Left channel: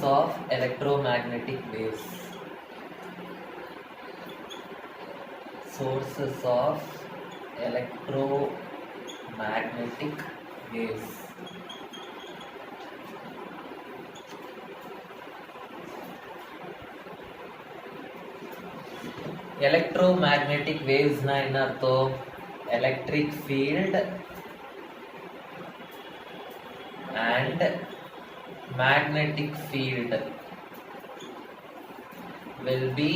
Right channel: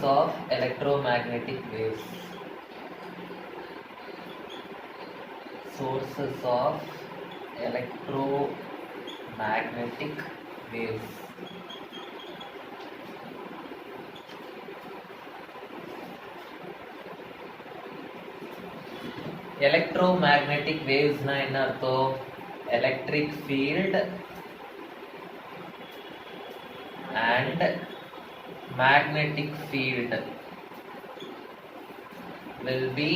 Sources of electromagnetic waves. Sources of electromagnetic waves. Electromagnetic waves na enna artham? Electric field and magnetic field will be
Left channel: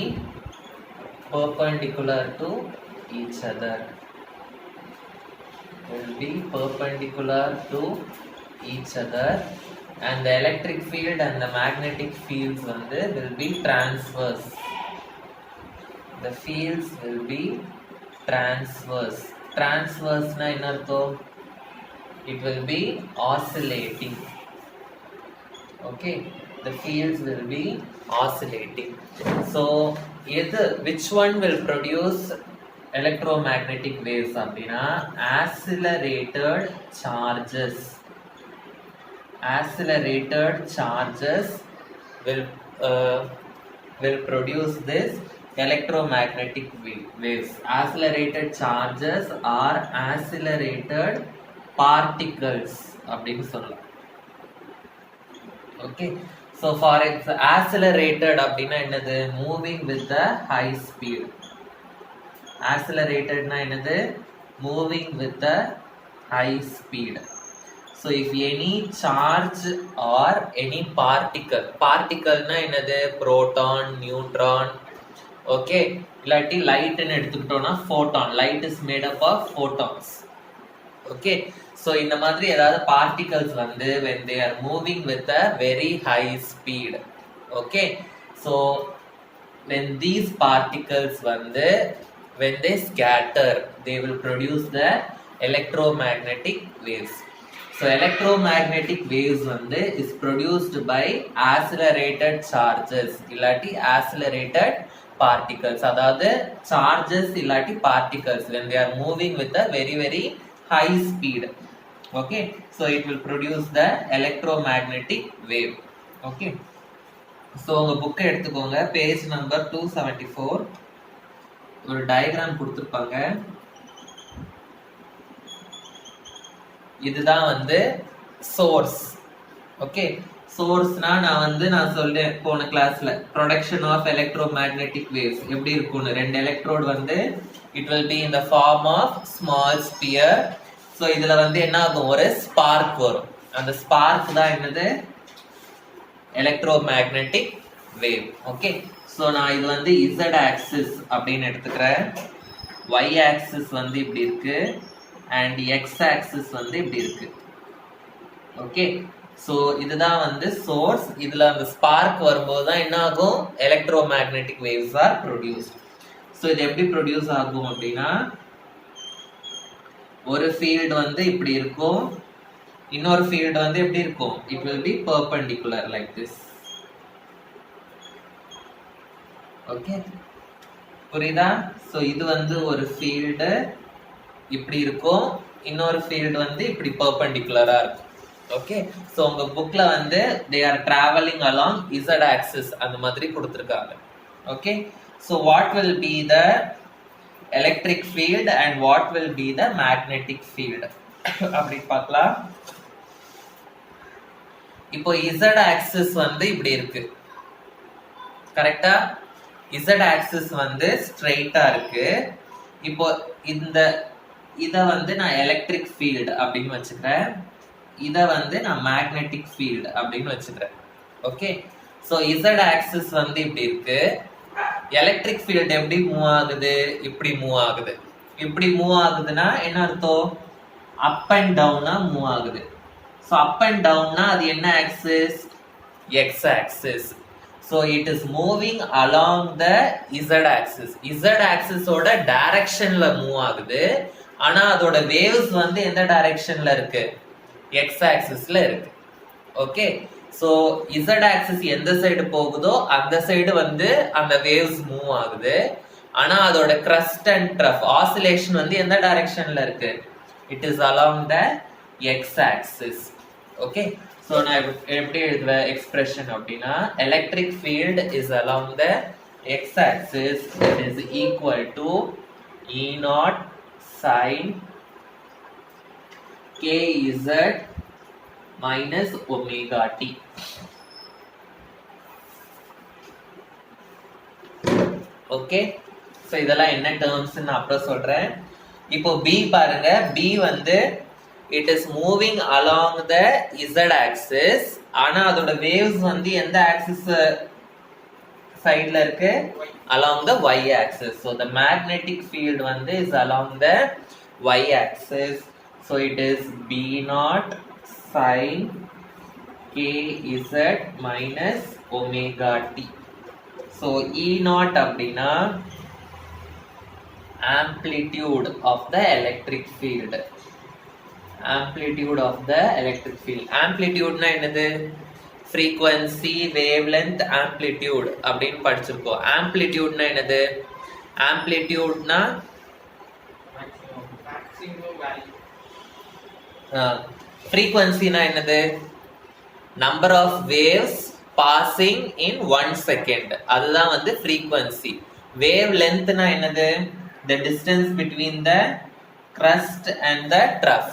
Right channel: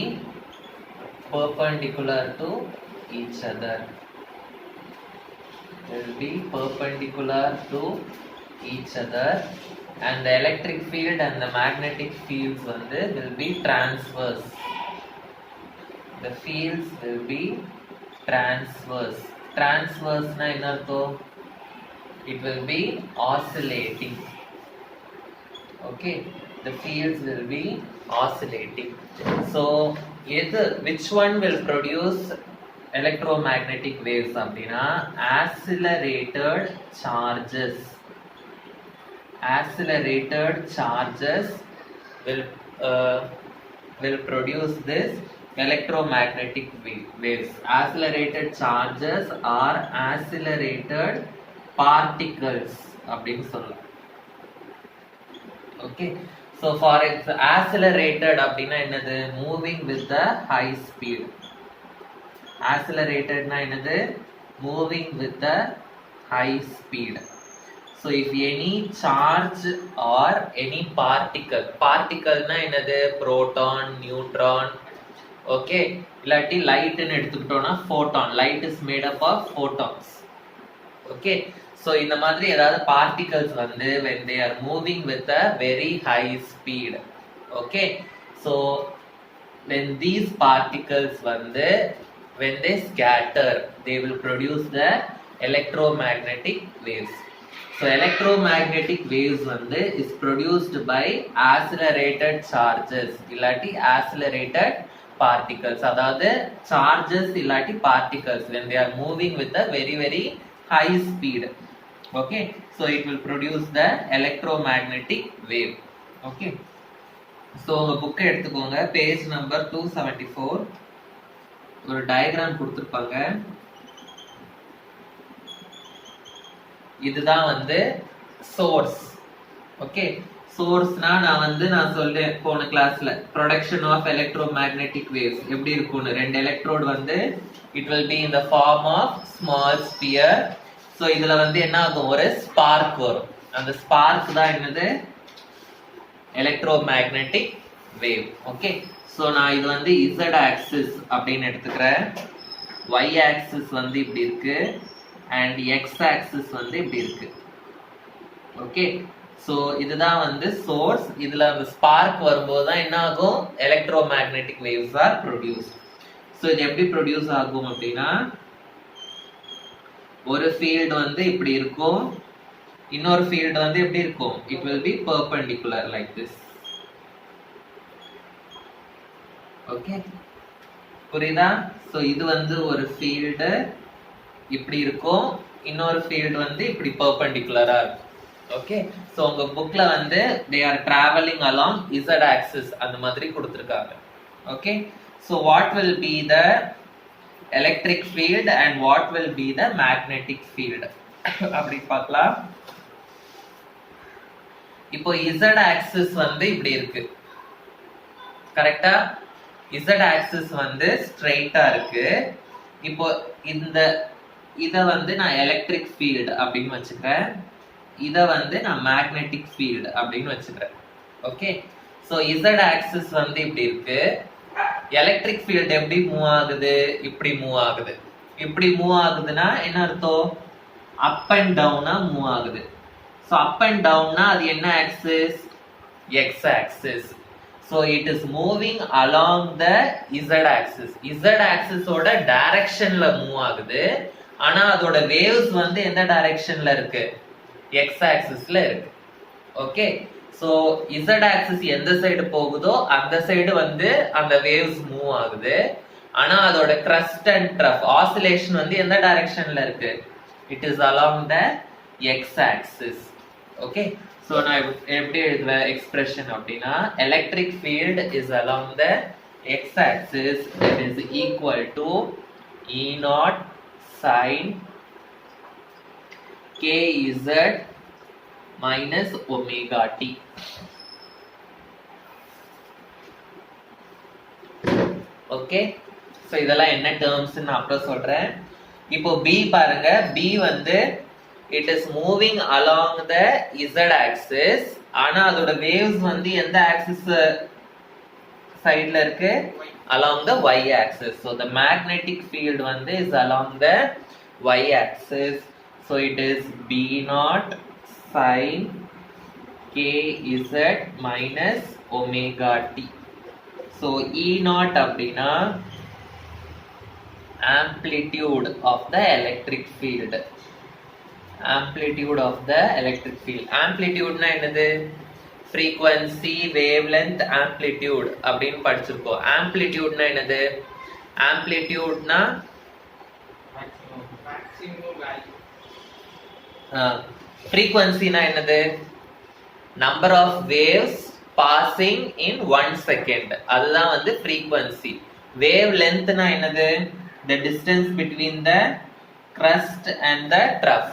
perpendicular to each other. Will be perpendicular to each other, and the electric field and the magnetic fields will be transverse. The fields will be transverse. Transverse na enna artham? It will be oscillating. Okay, the fields will be oscillating. So which one will produce electromagnetic waves அப்படினா accelerated charges. Accelerated charges will produce this electromagnetic waves. Accelerated charges are accelerated particles அப்படினு சொல்லலாம். Okay, so for its accelerated அப்படினா என்னது? Moving with the high speed. Accelerated na என்னது? Moving with the high speed. So if any charge or any particle na என்னது? Proton, neutron. Okay, இல்லாட்டி light ன்னு எடுத்துக்கிட்டோம்னா photon. Light is made up of photons. Okay, so இந்த மாதிரி ஏதாவது particles when they are moving with a very high speed. Okay, so when these particles when they scatter, they will produce the electromagnetic waves. So electromagnetic waves is produced by accelerated charges illati accelerated particles. அதாவது charges illati particles when they are moving with a very very high speed. Okay, so it will produce the electromagnetic wave. Okay, so உங்க book எடுத்துக்கோங்க, page number 274. ஒரு diagram கொடுத்திருப்பாங்க. இதுதான் source. Okay, சோர்ஸ்னா நான் சொல்லேன் போன கிளாஸ்ல ப்ரொடக்ஷன் ஆஃப் எலக்ட்ரோமேக்னெட்டிக் வேவ்ஸ் எப்படி இருக்கும்னு. ரெண்டு electrode it will be in the form of small sphere. So இதுல என்ன ஆகும்? ஒரு ஸ்பார்க் வரும். அந்த ஸ்பார்க் தான் என்னது? Electromagnetic wave. ஓகே, ஸோ நான் இது இசட் ஆக்சிஸ் அப்படின்னு எடுத்துக்கிறேன். ஒய் ஆக்சிஸ் இப்படி இருக்கு அண்ட் எக்ஸ் ஆக்சிஸ் இப்படி இருக்கு. ஓகே, ஸோ இதுதான் சோர்ஸ். இதுல அந்த ஸ்பார்க் வரும்போது தான் என்ன ஆகும்? Electromagnetic waves R produced. So இது எப்படி ப்ரொடியூஸ் ஆகும் அப்படின்னா, ஒரு ஃபீல்டு இப்படி இருக்கும், இன்னொரு ஃபீல்டு எப்படி இருக்கும்? It will B perpendicular like this. Okay, புரியுதா? ஸோ இது ஒரு ஃபீல்டு இப்படி இருக்கும், இன்னொரு ஃபீல்டு இப்படி பெர்பெண்டிகுலரா இருக்கும். ஓகே, ஸோ உங்க புக்ல they are traveling along z axis அந்த மாதிரி கொடுத்திருக்காங்க. Okay, so what will be the electric field and what will be the magnetic field அப்படி பார்க்கலாம். இப்போ z axis இப்படி இருக்கு, கரெக்டா? z axis ஸ்ட்ரைட்டா இருக்கு. இப்போ இத நான் எலக்ட்ரிக் ஃபீல்ட் அப்படின்னு வச்சுக்கிறேன், இத நான் மேக்னெட்டிக் ஃபீல்ட் அப்படின்னு வச்சுக்கிறேன். ஓகே, ஸோ z axis இப்படி இருக்கு. எலக்ட்ரிக் ஃபீல்ட் எப்படி மூவ் ஆகுது? இப்படி மூவ் ஆகுது. இப்படி மூவ் ஆகுதுன்னா என்ன அர்த்தம்? அப் அண்ட் டவுனா மூவ் ஆகுது. ஸோ அப் அண்ட் டவுன்னா அது என்ன axis? X axis. So it is moving along the z axis. z axis ஓட டைரக்ஷன்ல மூவ் ஆகுது. ஆனா அதோட வேவ்ஸ் எந்த டைரக்ஷன்ல இருக்கு? x axisல இருக்கு. ஓகே, சோ z axis எந்த சைடு போகுதோ அந்த சைடு அந்த வேவ்ஸ் மூவ் ஆகுது. ஆனா அதோட crest and trough oscillation எந்த டைரக்ஷன்ல இருக்கு? It is along the x axis. Okay, So நான் எப்படி எழுதுவேன் expression அப்படின்னா electric field is along the x-axis, it is equal to E naught sin kz minus omega t. Okay, so இதெல்லாம் என்ன terms நான் அப்புறம் சொல்றேன். இப்போ பி பாருங்க, பி வந்து it is moving along the Z axis. ஆனா அதோட வேவ்ஸ் வந்து எந்த ஆக்சிஸ் சைட்ல இருக்கு? Along the y axis. So the magnetic field வந்து is along the y axis. So it is b naught sin kz minus omega t. So E naught அப்படின்னா amplitude of the electric field. Amplitude of the electric field. Amplitude னா என்னது? frequency, wavelength, amplitude அப்படின்னு படிச்சிருப்போம். amplitude னா என்னது? amplitude னா frequency னா என்னது? number of waves passing in 1 second. அதுதான் வந்து frequency. wave length னா என்னது? the distance between the crust and the trough.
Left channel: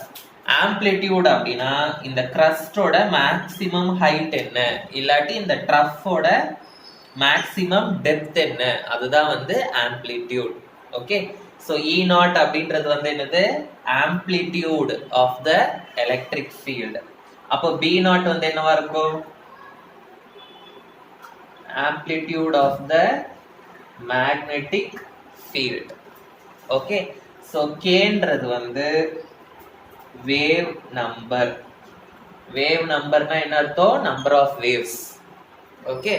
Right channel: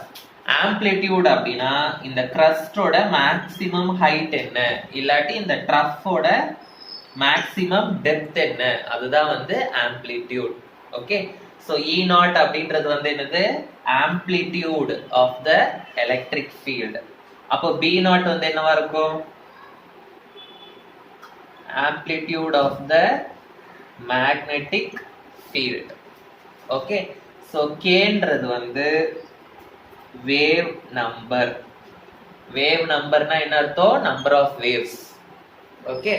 amplitude அப்படின்னா இந்த crustோட maximum height என்ன, இல்லாட்டி இந்த troughோட maximum depth என்ன, அதுதான் வந்து amplitude. Okay, so E naught அப்படின்றது வந்து என்னது? amplitude of the electric field. அப்போ B naught வந்து என்னவா இருக்கும்? amplitude of the magnetic field. Okay, so K ன்றது வந்து wave number. wave number னா என்ன அர்த்தம்? number of waves. Okay,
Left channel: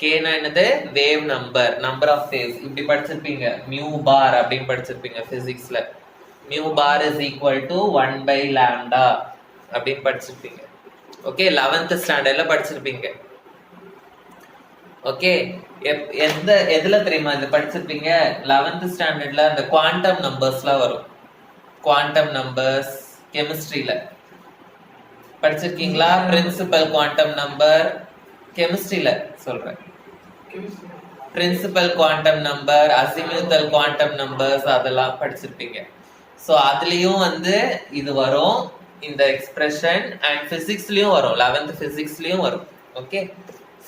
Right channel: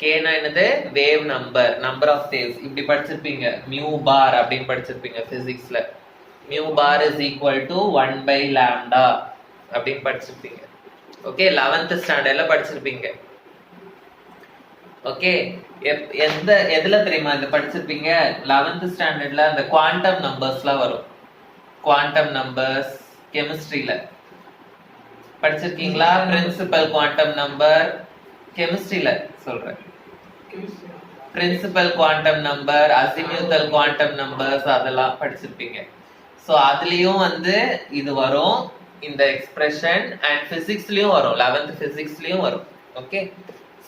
K னா என்னது? wave number, number of waves. இப்படி படிச்சிருப்பீங்க, mu bar அப்படின்னு படிச்சிருப்பீங்க பிசிக்ஸ்ல. mu bar is equal to 1 by lambda அப்படின்னு படிச்சிருப்பீங்க. ஓகே, 11th ஸ்டாண்டர்ட்ல படிச்சிருப்பீங்க. ஓகே, எதுல தெரியுமா இது படிச்சிருப்பீங்க? 11th ஸ்டாண்டர்ட்ல அந்த குவாண்டம் நம்பர்ஸ்லாம் வரும். குவாண்டம் நம்பர்ஸ் கெமிஸ்ட்ரியில படிச்சிருக்கீங்களா? பிரின்சிபல் குவாண்டம் நம்பர் கெமிஸ்ட்ரியில சொல்றேன். Principal quantum number, azimuthal quantum numbers அதெல்லாம் படிச்சிருப்பீங்க. ஸோ அதுலயும் வந்து இது வரும், இந்த எக்ஸ்பிரஷன். அண்ட் பிசிக்ஸ்லயும் வரும், 11th பிசிக்ஸ்லயும் வரும். ஓகே,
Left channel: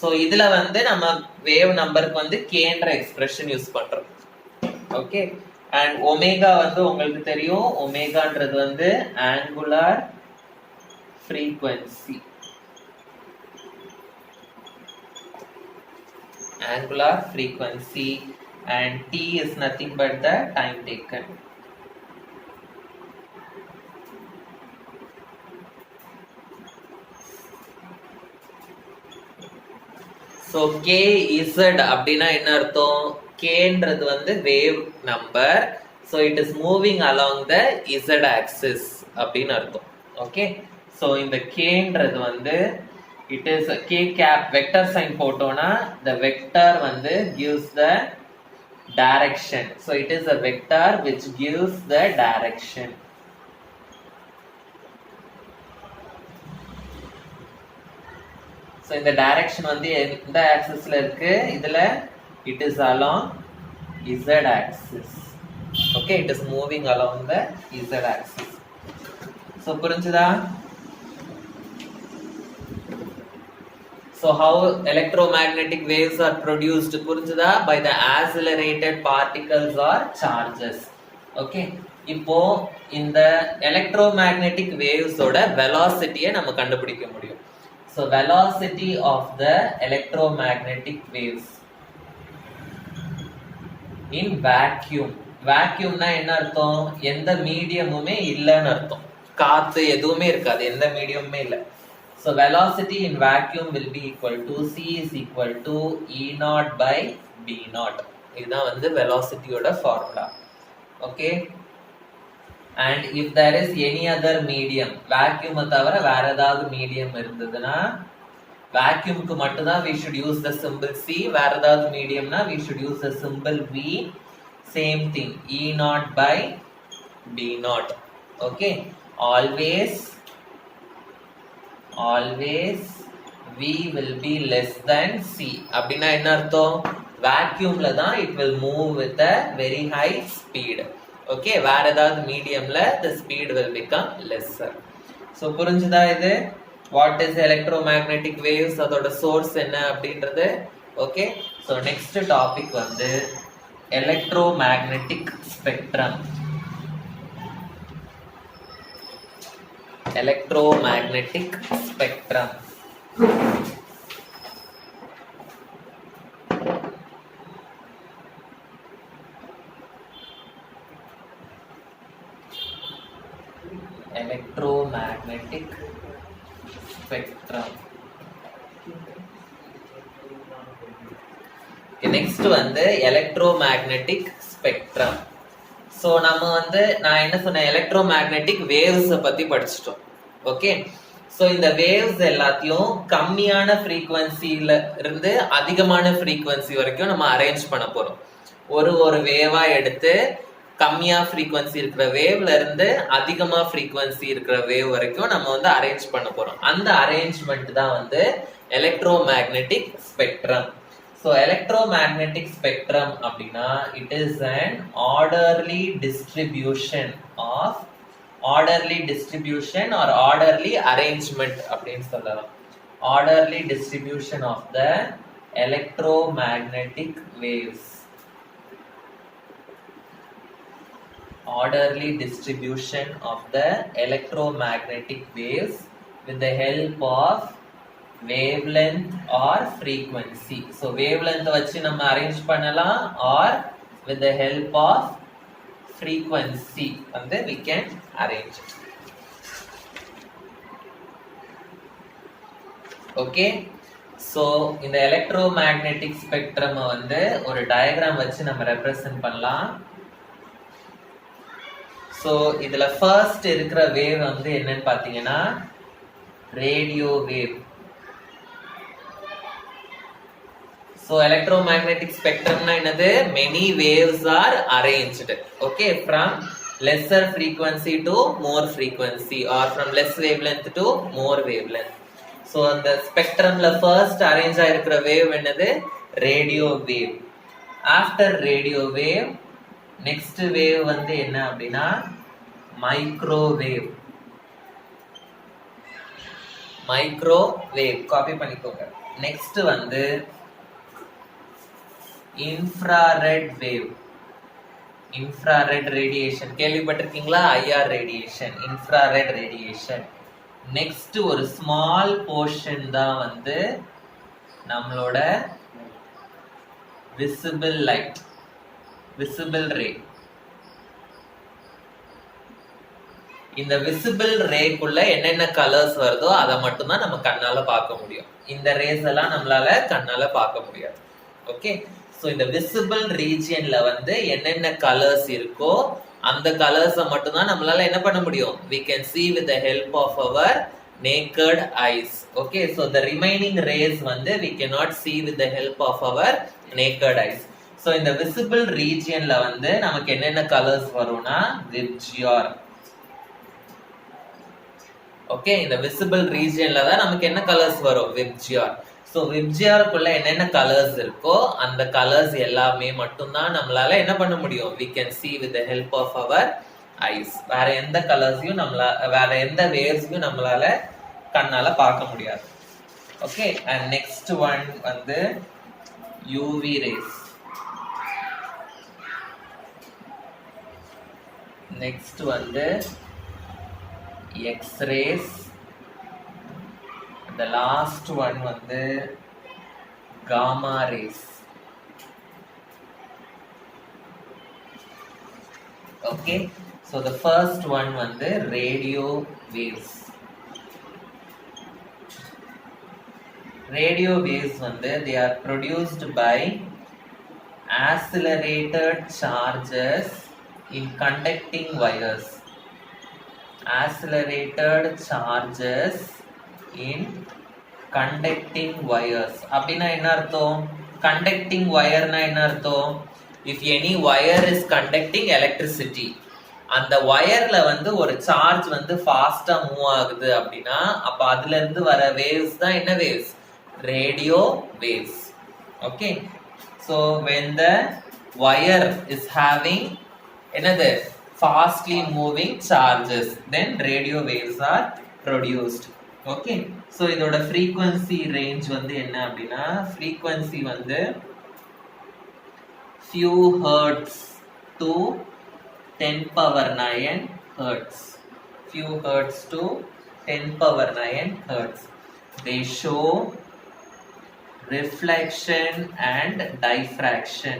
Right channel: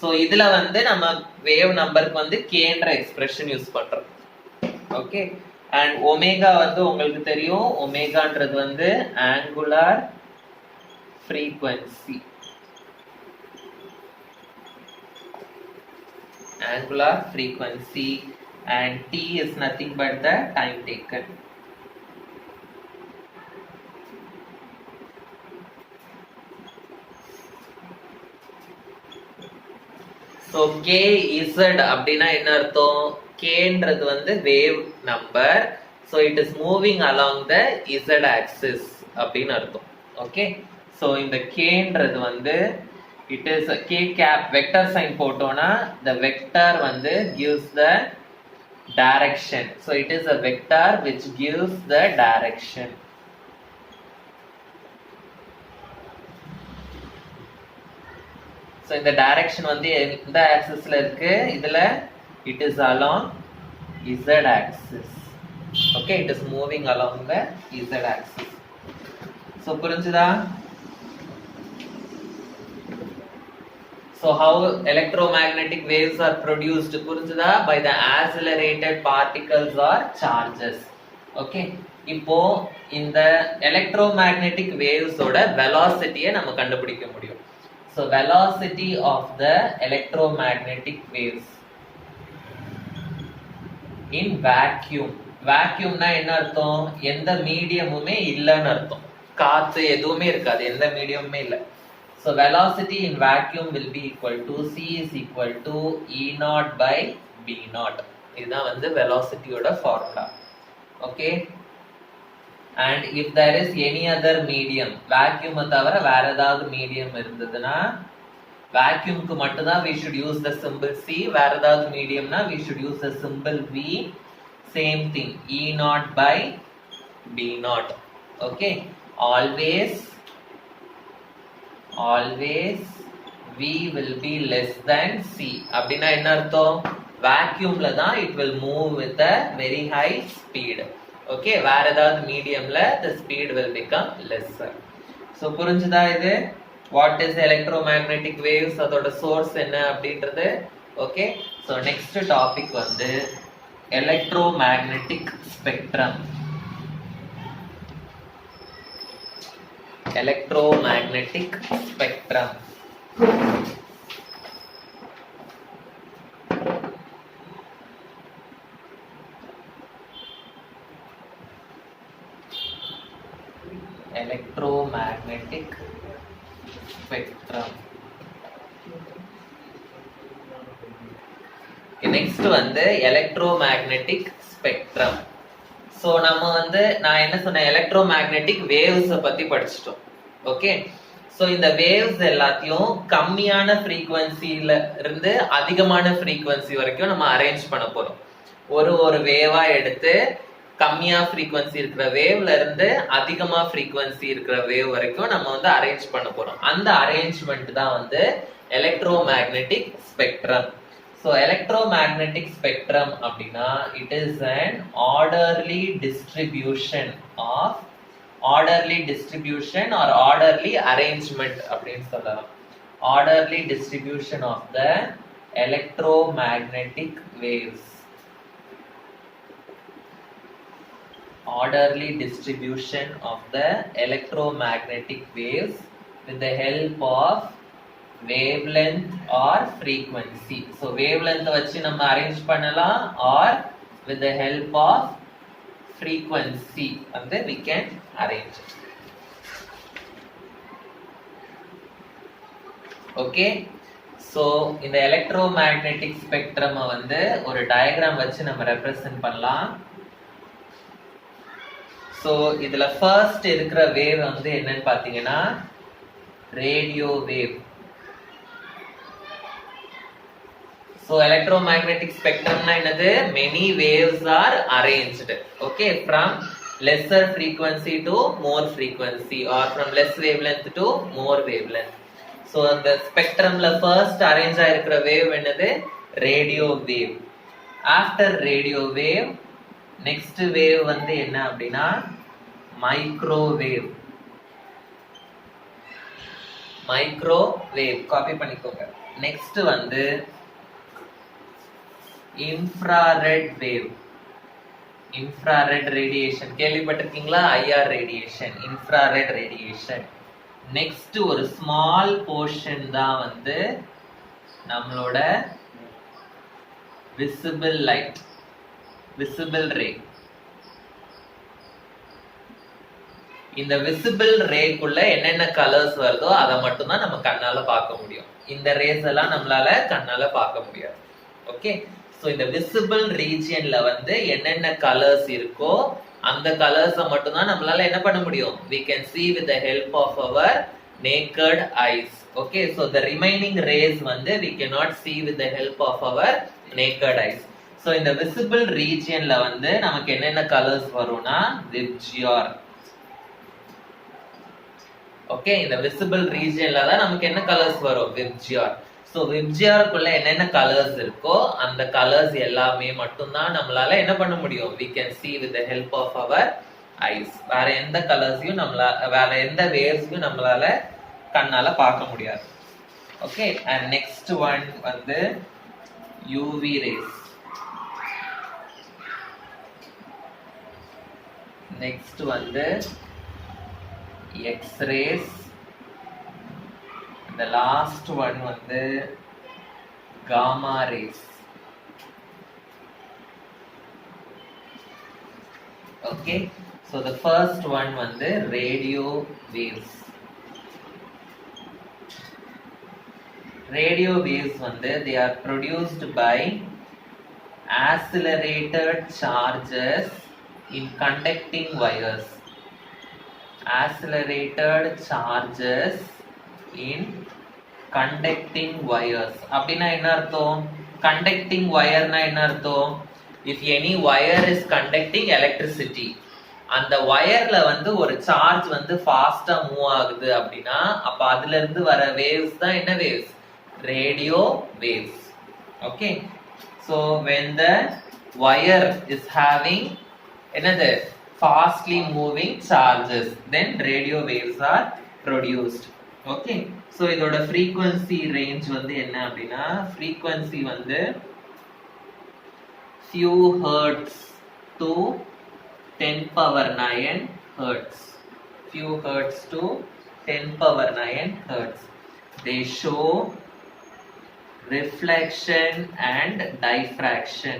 ஸோ இதுல வந்து நம்ம வேவ் நம்பருக்கு வந்து கேன்ற எக்ஸ்பிரஷன் யூஸ் பண்றோம். ஓகே, அண்ட் ஒமேகா வந்து உங்களுக்கு தெரியும், ஒமேகான்றது வந்து angular frequency. angular frequency, and t is nothing but the time taken. So kz அப்படின்னா என்ன அர்த்தம்? k ன்றது வந்து wave number, so it is moving along the z axis அப்படின்னு அர்த்தம். ஓகே, so இந்த k ன்றது வந்து it is a k cap vector sign போட்டோம்னா the vector வந்து gives the direction. So it is a vector which gives the direction. So இந்த direction வந்து எந்த ஆக்சிஸ்ல இருக்கு? இதுல it is along z axis. Okay, it is moving along the z axis. So புரிஞ்சுதா? So how electromagnetic waves are produced? புரிஞ்சுதா? By the accelerated particles or charges. Okay, இப்போ இந்த electromagnetic waves ஓட velocity-ய நம்ம கண்டுபிடிக்க முடியும். So velocity of the electromagnetic waves in vacuum. vacuum னா என்ன அர்த்தம்? எந்த மீடியமுமே இல்லைன்னு அர்த்தம். காத்து எதுவுமே இருக்காது, எந்த மீடியமுமே இல்லை. So velocity in vacuum will be equal to c is equal to E naught by B naught. இதுதான் வந்து velocity ஓட formula. Okay, and if there is any other medium, vacuum தவிர வேற ஏதாவது மீடியம் இருந்ததுன்னா vacuumக்கு மட்டும் தான் we should use the symbol c. வேற ஏதாவது மீடியம்னா we should use the symbol v. same thing, E naught by B naught. Okay, always always V will be less than C. அப்படின்னா என்ன அர்த்தம்? vacuumல தான் it will move with a very high speed. Okay, வேற ஏதாவது மீடியம்ல the speed will become lesser. So புரிஞ்சுதா இது? What is electromagnetic waves? அதோட source என்ன அப்படின்றது? Okay, so next topic வந்து electromagnetic spectrum. Electromagnetic spectrum. Electromagnetic spectrum. Next வந்து electromagnetic spectrum. So நம்ம வந்து நான் என்ன சொன்னேன், எலக்ட்ரோமேக்னெட்டிக் வேவ்ஸை பற்றி படிச்சிட்டோம். ஓகே, ஸோ இந்த வேவ்ஸ் எல்லாத்தையும் கம்மியான ஃப்ரீக்குவன்சியில இருந்து அதிகமான ஃப்ரீக்குவன்சி வரைக்கும் நம்ம அரேஞ்ச் பண்ண போகிறோம். ஒரு வேவா எடுத்து கம்மியாக ஃப்ரீக்குவன்சி இருக்கிற வேவ்ல இருந்து அதிகமாக ஃப்ரீக்குவன்சி இருக்கிற வேவ் வரைக்கும் நம்ம வந்து அரேஞ்ச் பண்ண போகிறோம். அந்த அரேஞ்ச்மெண்ட் தான் வந்து electromagnetic spectrum. So electromagnetic spectrum அப்படினா it is an orderly distribution or orderly arrangement அப்படினு சொல்லலாம். Orderly distribution of the electromagnetic waves. Orderly distribution of the electromagnetic waves with the help of wavelength or frequency. So wavelength வச்சு நம்ம arrange பண்ணலாம் or with the help of frequency வந்து we can arrange it. Okay, so இந்த electromagnetic spectrum வந்து ஒரு diagram வச்சு நம்ம represent பண்ணலாம். So இதுல ஃபர்ஸ்ட் இருக்கிற வேவ் வந்து என்னன்னு பாத்தீங்கன்னா radio wave. So electromagnetic spectrum na enadhu, many waves are arranged, okay, from lesser frequency to more frequency or from less wavelength to more wavelength. So the spectrum la first arrange aayirukra wave enadhu radio wave. After radio wave next wave வந்து என்ன அப்படின்னா microwave. Microwave copy பண்ணிக்கோங்க. Next வந்து infrared wave. Infrared radiation கேள்விப்பட்டிருக்கீங்களா? IR radiation, infrared radiation. Next ஒரு small portion தான் வந்து நம்மளோட visible light, visible ray. இந்த visible ray குள்ள என்னென்ன கலர்ஸ் வருதோ அதை மட்டும் தான் நம்ம கண்ணால பார்க்க முடியும். இந்த ரேஸ் எல்லாம் நம்மளால கண்ணால பார்க்க முடியாது. ஓகே, சோ இந்த விசிபிள் ரீஜியன்ல வந்து என்னென்ன கலர்ஸ் இருக்கோ அந்த கலர்ஸை மட்டும் தான் நம்மளால என்ன பண்ண முடியும், we can see with the help of our naked eyes. Okay, so the remaining rays வந்து we cannot see with the help of our naked eyes. So இந்த visible regionல வந்து நமக்கு என்னென்ன கலர்ஸ் வரும்னா விப்ஜிஆர். ஓகே, இந்த visible regionல தான் நமக்கு என்ன கலர்ஸ் வரும், விப்ஜிஆர். ஸோ விப்ஜிஆருக்குள்ள என்னென்ன கலர்ஸ் இருக்கோ அந்த கலர்ஸ் எல்லாமே மட்டும்தான் நம்மளால என்ன பண்ண முடியும், we can see with the help of our eyes. வேற எந்த கலர்ஸையும் வேற எந்த வேவ்ஸையும் நம்மளால கண்ணால பார்க்க முடியாது. ஓகே, அண்ட் நெக்ஸ்ட் ஒன் வந்து யூவி ரேஸ். நெக்ஸ்ட் வந்து எக்ஸ்-ரேஸ். The last one வந்து gamma rays. Okay, so the first one வந்து radio waves. Radio waves வந்து they are produced by accelerated charges in conducting wires. Accelerated charges in conducting wires. அப்படினா என்ன அர்த்தம், conducting wire னா என்ன அர்த்தம், if any wire is conducting electricity, அந்த ஒயர்ல வந்து ஒரு சார்ஜ் வந்து ஃபாஸ்டா மூவ் ஆகுது அப்படின்னா அப்ப அதுல இருந்து வர வேவ்ஸ் தான் என்ன waves? Radio waves. Okay, so when the wire is having என்னது fastly moving charges, then radio waves are produced. Okay, so இதோட frequency range வந்து என்ன அப்படின்னா frequency வந்து few hertz to 10 power 9 hertz, few hertz to 10 power 9 hertz. They show reflection and diffraction.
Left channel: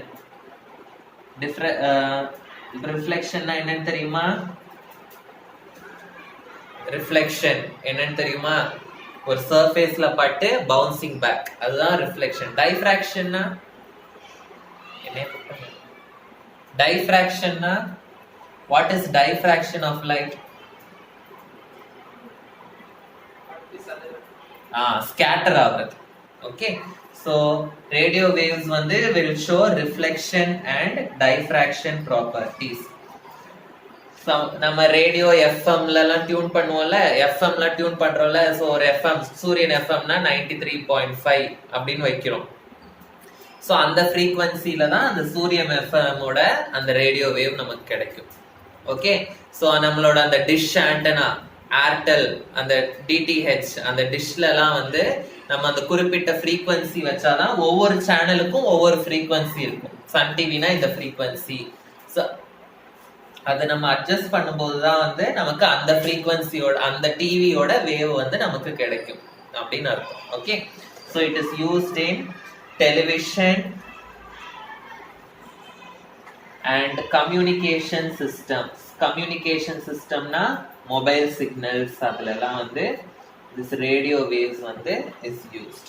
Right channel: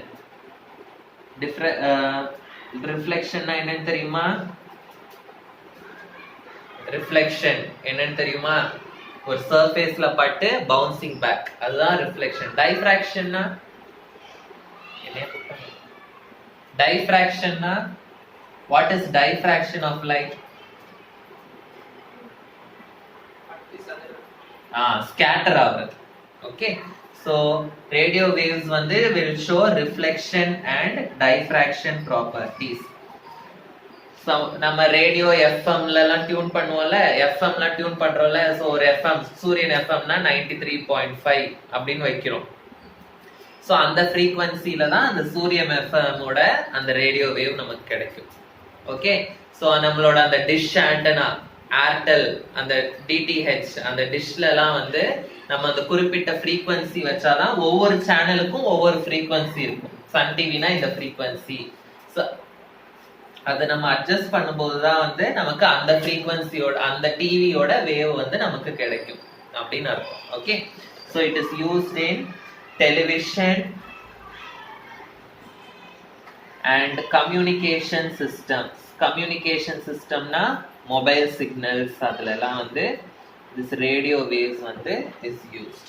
Reflection na என்னன்னு தெரியுமா? reflection என்னன்னு தெரியுமா? ஒரு சர்ஃபேஸ்ல பட்டு பவுன்சிங் பேக், அதுதான் reflection. diffraction னா என்ன? diffraction னா what is diffraction of light? scatter ஆகுது. Okay, so radio waves வந்து will show reflection and diffraction properties. So நம்ம ரேடியோ எஃப்எம்ல எல்லாம் டியூன் பண்ணுவோம்ல, எஃப்எம்ல டியூன் பண்றோம்ல, சோ ஒரு எஃப்எம் சூரியன் எஃப்எம்னா 93.5 அப்படின்னு வைக்கிறோம். சோ அந்த ஃப்ரீக்வன்சில தான் அந்த சூரியன் எஃப்எம்மோட அந்த ரேடியோ வேவ் நமக்கு கிடைக்கும். ஓகே, சோ நம்மளோட அந்த டிஷ் ஆண்டனா ஏர்டெல் அந்த டிடிஹெச் அந்த டிஷ்ல எல்லாம் வந்து நம்ம அந்த குறிப்பிட்ட ஃப்ரீக்வன்சி வச்சாதான் ஒவ்வொரு சேனலுக்கும் ஒவ்வொரு ஃப்ரீக்வன்சி இருக்கும். சன் டிவினா இந்த ஃப்ரீக்வன்சி, அதை நம்ம அட்ஜஸ்ட் பண்ணும்போது தான் வந்து நமக்கு அந்த ஃப்ரீக்வன்சியோட அந்த டிவியோட வேவ் வந்து நமக்கு கிடைக்கும் அப்படின்னு அர்த்தம். Okay, so it is used in television and communication systems. Communication சிஸ்டம்னா மொபைல் சிக்னல்ஸ், அதுல எல்லாம் வந்து this radio waves வந்து is used.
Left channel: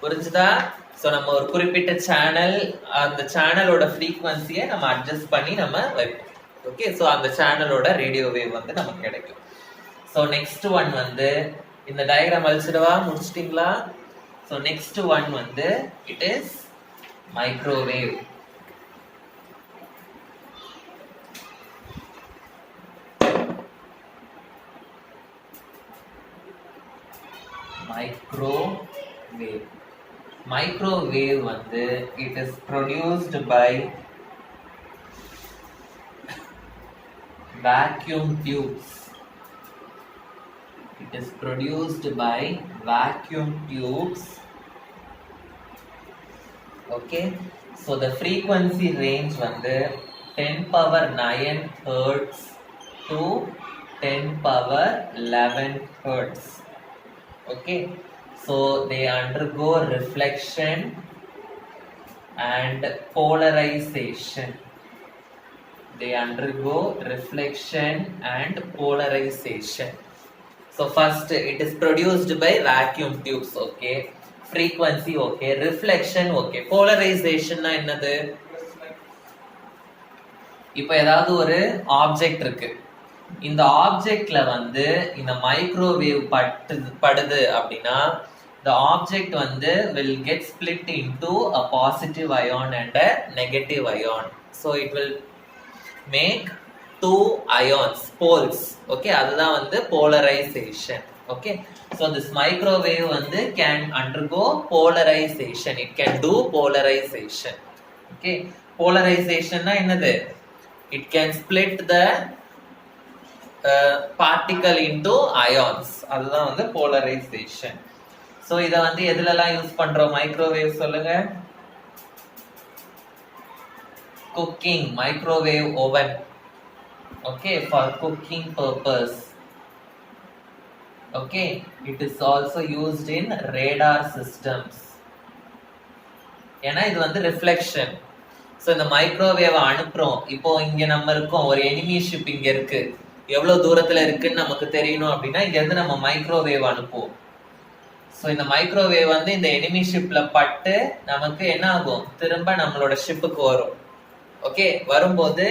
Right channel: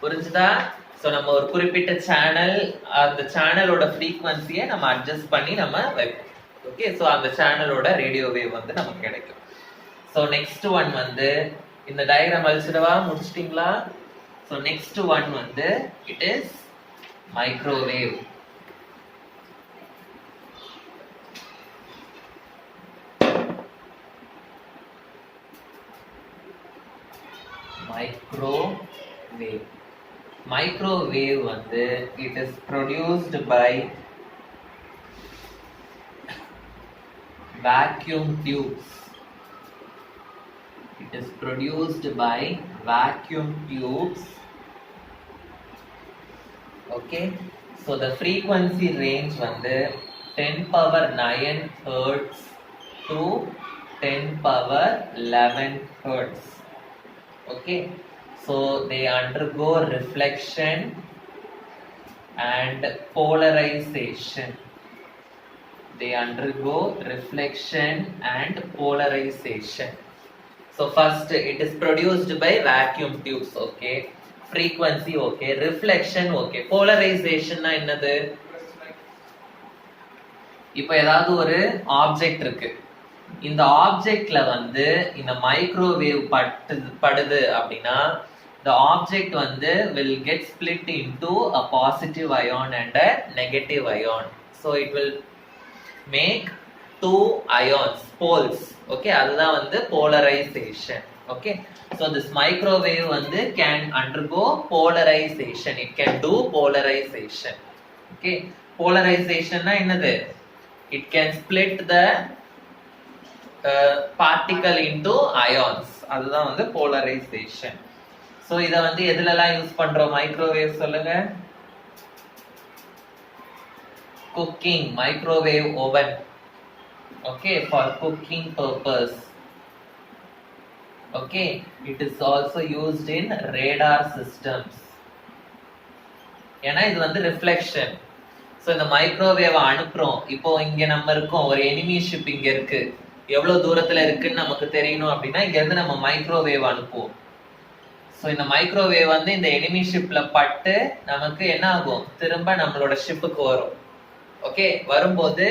புரிஞ்சுதா? சோ நம்ம ஒரு குறிப்பிட்ட சேனல், அந்த சேனலோட ஃப்ரீக்வன்சியை நம்ம அட்ஜஸ்ட் பண்ணி நம்ம வைப்போம். ஓகே, சோ அந்த சேனலோட ரேடியோ வேவ் வந்து நமக்கு கிடைக்கும். சோ நெக்ஸ்ட் ஒன் வந்து இந்த டயகிராம் அழிச்சிடவா? முடிச்சிட்டீங்களா? சோ நெக்ஸ்ட் ஒன் வந்து it is microwave. Microwave. Microwave வந்து it is produced by vacuum tubes. It is produced by vacuum tubes. Okay, so the frequency range வந்து 10 power 9 hertz to 10 power 11 hertz. Okay, so they undergo reflection and polarization. They undergo reflection and polarization. So first it is produced by vacuum tubes. Okay, frequency okay, reflection okay, polarization na என்னது? இப்போ ஏதாவது ஒரு object இருக்கு, இந்த ஆப்ஜெக்ட்ல வந்து இந்த microwave படுது அப்படின்னா the object வந்து will get split into a positive ion and a negative ion. So it will make two ions, poles. Okay, அதுதான் வந்து polarization. Okay, so this microwave வந்து can undergo polarization. It can do polarization. Okay, polarization na என்னது? It can split the particle into ions. அதுதான் வந்து polarization. So இத வந்து எதுலலாம் use பண்றோம் microwave சொல்லுங்க? Cooking, microwave oven. Okay, for cooking purpose. Okay, it is also used in radar systems. ஏன்னா இது வந்து reflection. So இந்த மைக்ரோவேவ் அனுப்புறோம். இப்போ இங்க நம்ம இருக்கோம், ஒரு enemy ship இங்க இருக்கு, எவ்வளவு தூரத்துல இருக்குன்னு நமக்கு தெரியணும் அப்படின்னா இங்க இருந்து நம்ம மைக்ரோவேவ் அனுப்புவோம். ஸோ இந்த மைக்ரோவேவ் வந்து இந்த எனிமி ஷிப்ல பட்டு நமக்கு என்ன ஆகும்? திரும்ப நம்மளோட ஷிப்புக்கு வரும். ஓகே, வரும்போது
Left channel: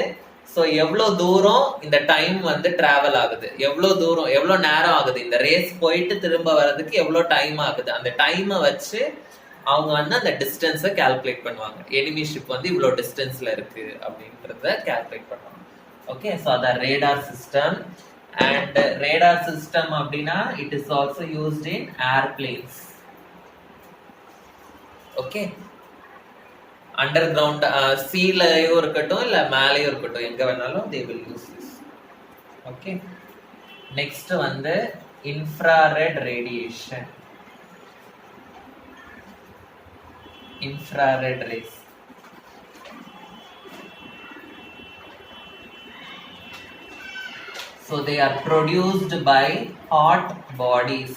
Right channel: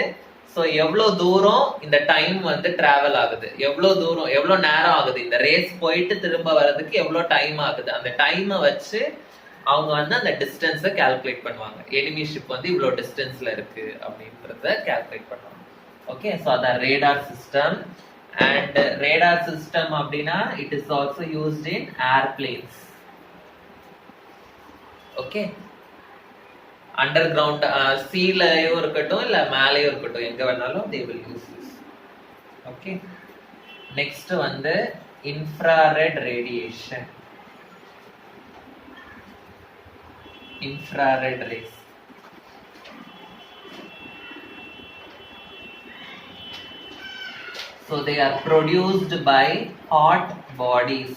ஸோ எவ்வளோ தூரம் இந்த டைம் வந்து டிராவல் ஆகுது, எவ்வளோ தூரம் எவ்வளோ நேரம் ஆகுது, இந்த ரேஸ் போயிட்டு திரும்ப வர்றதுக்கு எவ்வளோ டைம் ஆகுது, அந்த டைமை வச்சு அவங்க வந்து அந்த டிஸ்டன்ஸை கால்குலேட் பண்ணுவாங்க. எனிமி ஷிப் வந்து இவ்வளோ டிஸ்டன்ஸ்ல இருக்கு அப்படின்றத கால்குலேட் பண்ணுவாங்க. Okay, so the radar system. And radar system அப்படினா it is also used in airplanes. Okay, underground seaலையும் இருக்கட்டும் இல்ல மேலேயும் இருக்கட்டும் எங்க வேணாலும் they will use this. Okay, next வந்து infrared radiation. Infrared rays. So they are produced by hot bodies.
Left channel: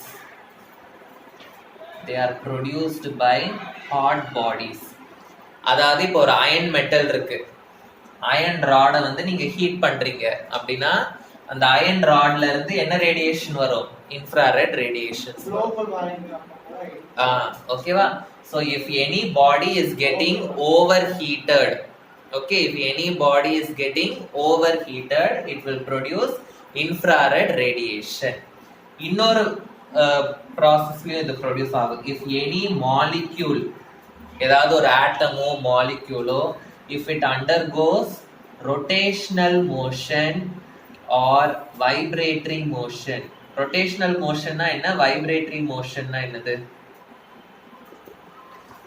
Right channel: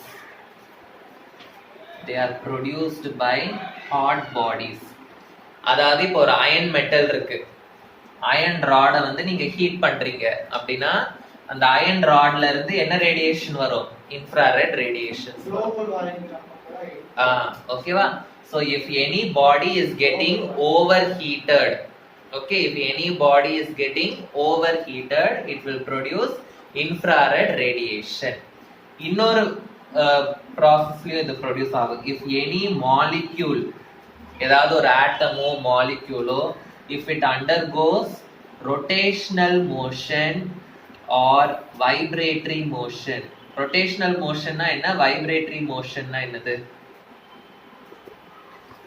They are produced by hot bodies. அதாவது இப்போ ஒரு அயன் மெட்டல் இருக்கு, அயன் ராடை வந்து நீங்க ஹீட் பண்றீங்க அப்படின்னா அந்த அயன் ராட்ல இருந்து என்ன ரேடியேஷன் வரும்? Infrared radiation. ஓகேவா? So if any body is getting overheated, okay, if any body is getting overheated, it will produce infrared radiation. இன்னொரு ப்ராசஸ்லயும் இது ப்ரொடியூஸ் ஆகும். If any molecule, ஏதாவது ஒரு ஆட்டமோ மாலிக்யூலோ, if it undergoes rotational motion or vibratory motion. rotational motionனா என்ன, vibratory motionனா என்னது?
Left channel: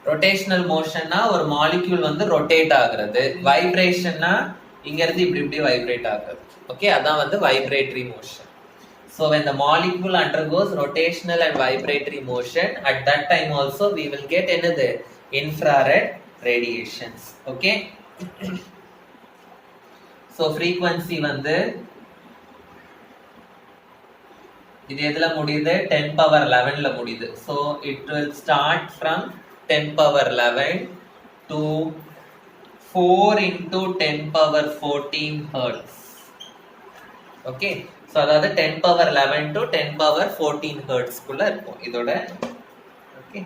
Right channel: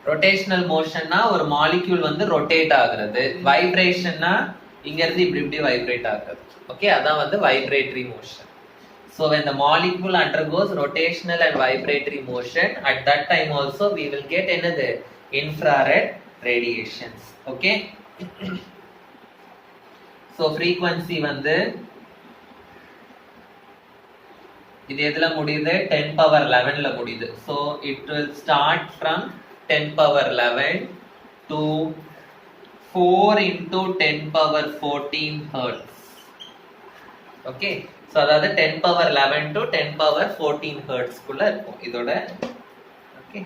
rotational motionனா ஒரு molecule வந்து rotate ஆகுறது, வைப்ரேஷன்னா இங்க இருந்து இப்படி இப்படி வைப்ரேட் ஆகுறது. ஓகே, அதான் வந்து vibratory motion. So when the molecule undergoes rotational and vibratory motion, at that time also we will get another infrared radiations. Okay, so frequency வந்து இது எதுல முடியுது? 10 power 11 ல முடியுது. So it will start from 10 power 11 to 4 into 10 power 14 hertz. Okay, so அதாவது 10 power 11 to 10 power 14 hertz குள்ள இருக்கும் இதோட. Okay,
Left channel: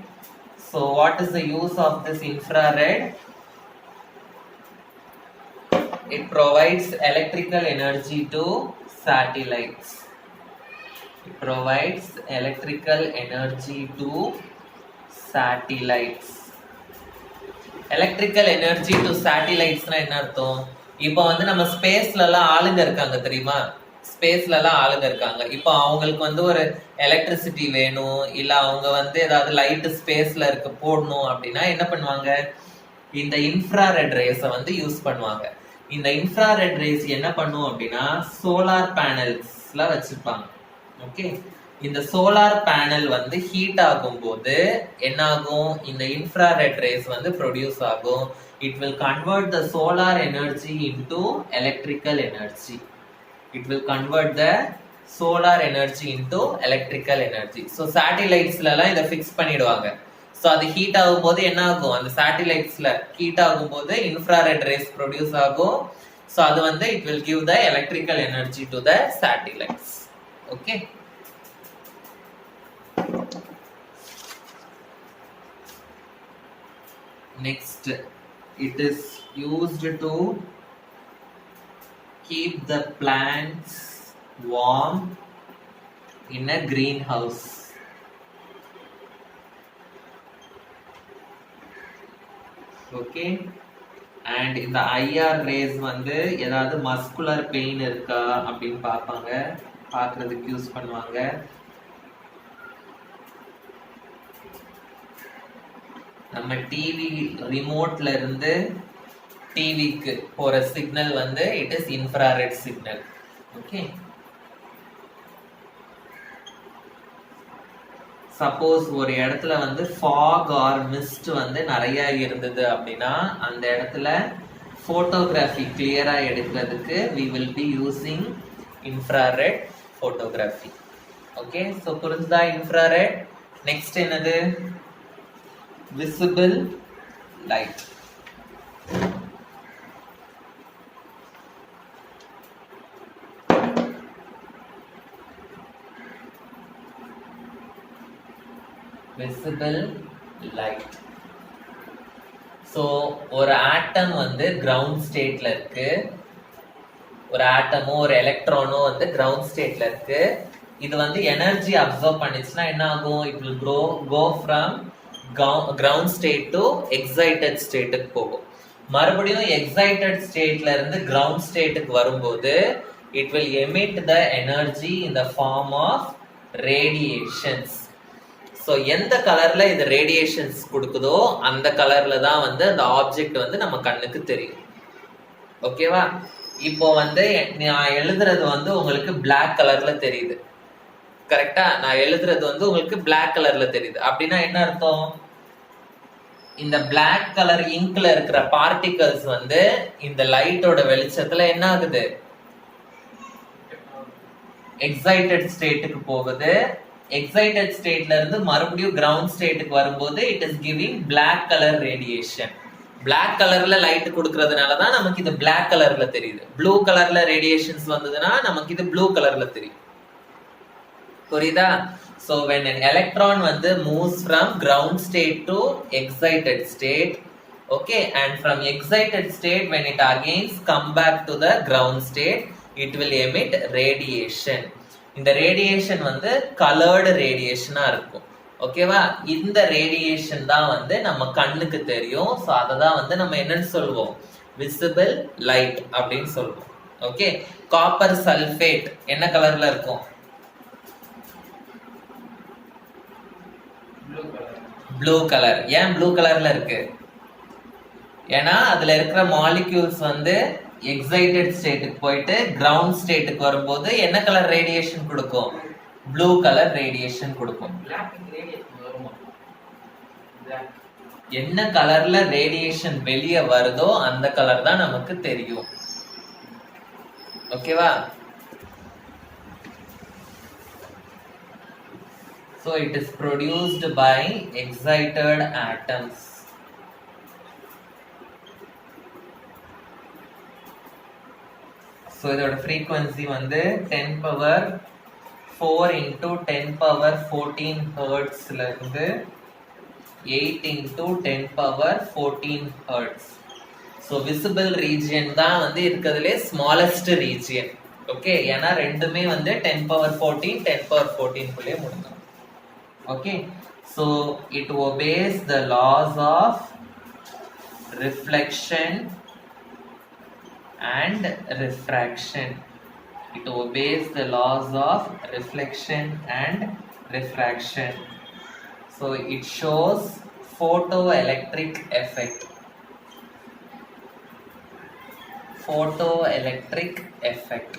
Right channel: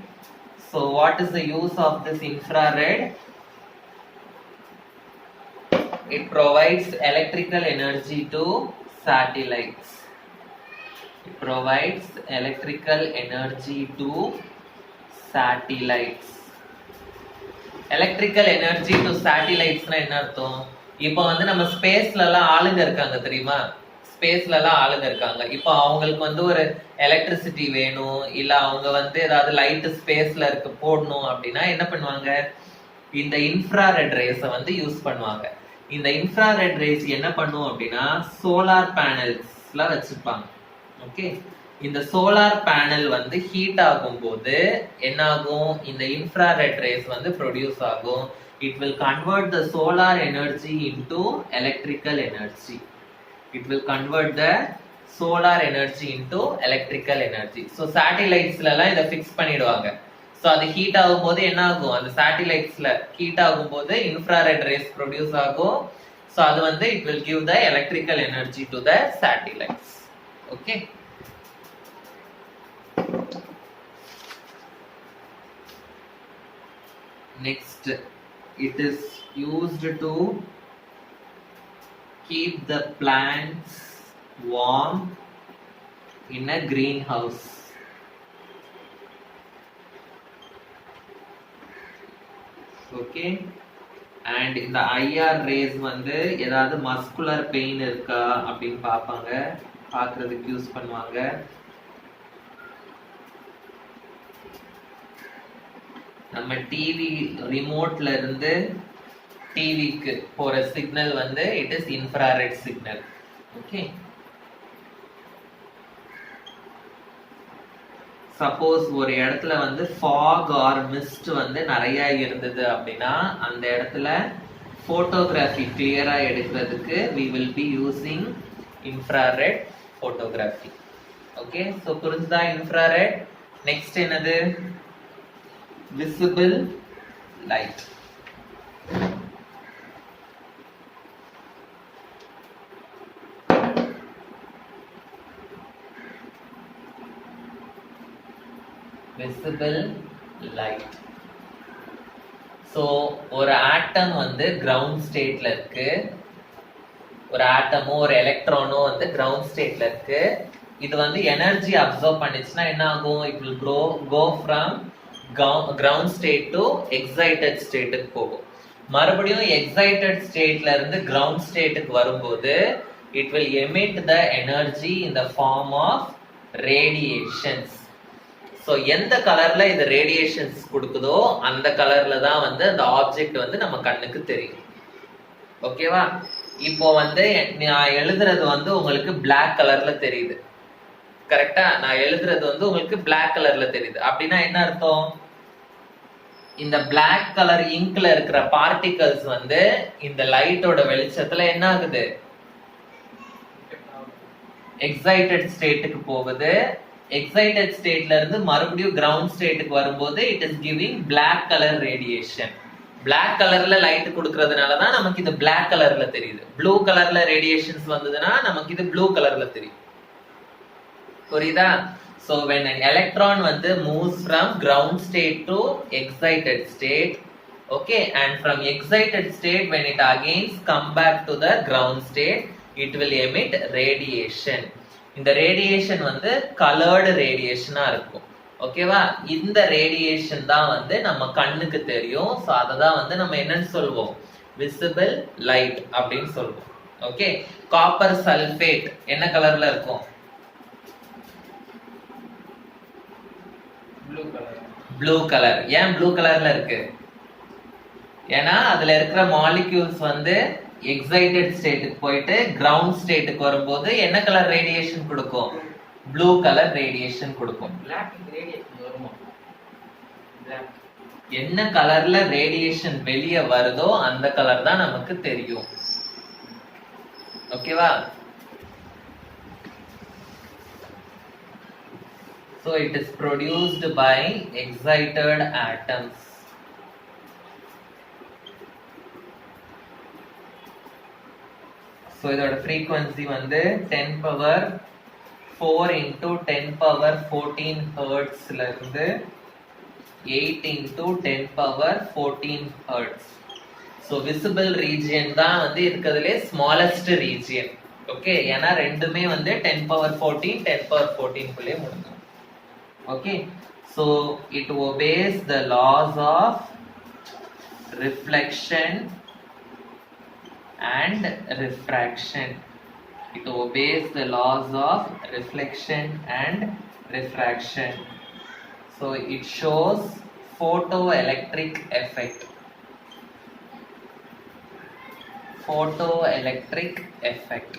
so what is the use of this infrared? It provides electrical energy to satellites. It provides electrical energy to satellites. Electrical energy to satellites னா என்ன அர்த்தம்? இப்போ வந்து நம்ம ஸ்பேஸ்ல எல்லாம் ஆளுங்க இருக்காங்க தெரியுமா? ஸ்பேஸ்ல எல்லாம் ஆளுங்க இருக்காங்க. இப்போ அவங்களுக்கு வந்து ஒரு எலக்ட்ரிசிட்டி வேணும், இல்ல அவங்க வந்து ஏதாவது லைட் ஸ்பேஸ்ல இருக்க போடணும் அப்படின்னா என்ன பண்ணுவாங்க? இந்த இன்ஃப்ராரெட் ரேஸை வந்து யூஸ் பண்ணுவாங்க. இந்த இன்ஃப்ராரெட் ரேஸ் என்ன பண்ணும் அப்படின்னா சோலார் பேனல்ஸ்ல வச்சிருப்பாங்க. ஓகே, இந்த சோலார் பேனல் வந்து ஹீட் ஆகும் போது என்ன ஆகும்? இந்த இன்ஃப்ராரெட் ரேஸ் வந்து ப்ரொடியூஸ் ஆகும். It will convert the solar energy into electrical energy. It will convert the solar energy into electrical energy. So satellites-ல எல்லாம் இதை ஃபிக்ஸ் பண்ணிடுவாங்க. ஸோ அது ஹீட் ஆகும்போது என்ன ஆகும்? அந்த சேட்டிலைட்ஸ்ல ஹீட் ஆகும்போது இன்ஃப்ராரெட் ரேஸ் ப்ரொடியூஸ் ஆகும். ஸோ அது வந்து it will give the electrical energy to the satellites. Okay, next it is used to keep the plants warm in a greenhouse. Okay, and இந்த IR rays வந்து ஏதாவது muscular pain இருக்கா அப்படின்னு பார்ப்பாங்க, பார்க்கறதுக்கு யூஸ் பண்ணுவாங்க. நம்ம டிவி ரிமோட்ல இருந்து டிவிக்கு போற சிக்னல் வந்து it is infrared signal. Okay, suppose ஒரு இடத்துல வந்து ஃபாக் ஆர் மிஸ்ட் வந்து நிறைய இருந்தது அப்படின்னா அந்த இடத்துல போட்டோகிராஃபி கிளியரா எடுக்கிறதுக்கு we will be using infrared photography. Okay, so புரிஞ்சுதா இன்ஃப்ராரெட்? நெக்ஸ்ட் என்னது? visible light. visible light. So ஒரு ஆட்டம் வந்து கிரவுண்ட் ஸ்டேட்ல இருக்கு, ஒரு ஆட்டமோ ஒரு எலக்ட்ரானோ வந்து கிரவுண்ட் ஸ்டேட்ல இருக்கு. இது வந்து எனர்ஜி அப்சர்வ் பண்ணிச்சுன்னா என்ன ஆகும்? It will go from ground state to excited ஸ்டேட்டுக்கு போகும். மறுபடியும் எக்ஸைட்டட் ஸ்டேட்ல இருந்து கிரவுண்ட் ஸ்டேட்டுக்கு வரும்போது it will emit the energy in the form of radiations. So எந்த கலர்ல இது ரேடியேஷன்ஸ் கொடுக்குதோ அந்த கலர்ல தான் வந்து அந்த ஆப்ஜெக்ட் வந்து நம்ம கண்ணுக்கு தெரியும். ஓகேவா? இப்போ வந்து நான் எழுதுறது வந்து உங்களுக்கு பிளாக் கலர்ல தெரியுது. கரெக்டா? நான் எழுதுறது வந்து உங்களுக்கு பிளாக் கலர்ல தெரியுது. அப்படின்னா என்ன அர்த்தம்? இந்த பிளாக் கலர் இங்க்ல இருக்கிற பார்ட்டிகல்ஸ் வந்து இந்த லைட்டோட வெளிச்சத்துல என்ன ஆகுது? எக்ஸைட்டட் ஸ்டேட்டுக்கு போகுது. எக்ஸைட்டட் ஸ்டேட்ல இருந்து மறுபடியும் கிரவுண்ட் ஸ்டேட்டுக்கு வரும்போது it is giving black colour radiation. Black கலர்ல லைட் கொடுக்கறதுனால தான் நமக்கு இது பிளாக் கலர்ல தெரியுது. ப்ளூ கலர்ல ரேடியேஷன்ஸ் வந்ததுன்னா நமக்கு இது ப்ளூ கலர்ல தெரியும். புரியுதா? So when an electron வந்து moves from ground state to excited state, okay, and from excited state when it again come back to the ground state, it will emit radiation. இந்த radiation வந்து colored radiation இருக்கும். ஓகேவா? இந்த radiation தான் வந்து நம்ம கண்ணுக்கு தெரியும். ஸோ அதை தான் வந்து நம்ம என்னன்னு சொல்லுவோம்? விசிபிள் லைட் அப்படின்னு சொல்லுவோம். ஓகே. காப்பர் சல்ஃபேட் என்ன கலர்ல இருக்கும்? Blue colour. ஏன் ப்ளூ கலர்ல இருக்கு? ஏன்னா அதுல இருக்கிற மாலிக்யூல்ஸ் வந்து எக்ஸைட்டட் ஸ்டேட்டுக்கு போயிட்டு கிரவுண்ட் ஸ்டேட்டுக்கு வரும்போது என்ன கலர் ரேடியேஷன் கொடுக்கும்? ப்ளூ கலர் ரேடியேஷன் கொடுக்கும். என்ன கலர்ல ரேடியேஷன் வெளியே வருதோ அந்த கலர் தான் நமக்கு தெரியும். ஓகேவா? So it is produced by excited atoms. So இதோட frequency வந்து 10 power 4 into 10 power 14 hertz ல இருந்து 8 into 10 power 14 hertz. So visible region தான் வந்து இருக்கிறதுலே smallest region. ஓகே. ஏன்னா ரெண்டுமே வந்து 10 power 14 10 power 14 குள்ளே முடியும். Okay, so it obeys the laws of reflection and refraction. It obeys the laws of reflection and refraction. So it shows photoelectric effect. Photoelectric effect.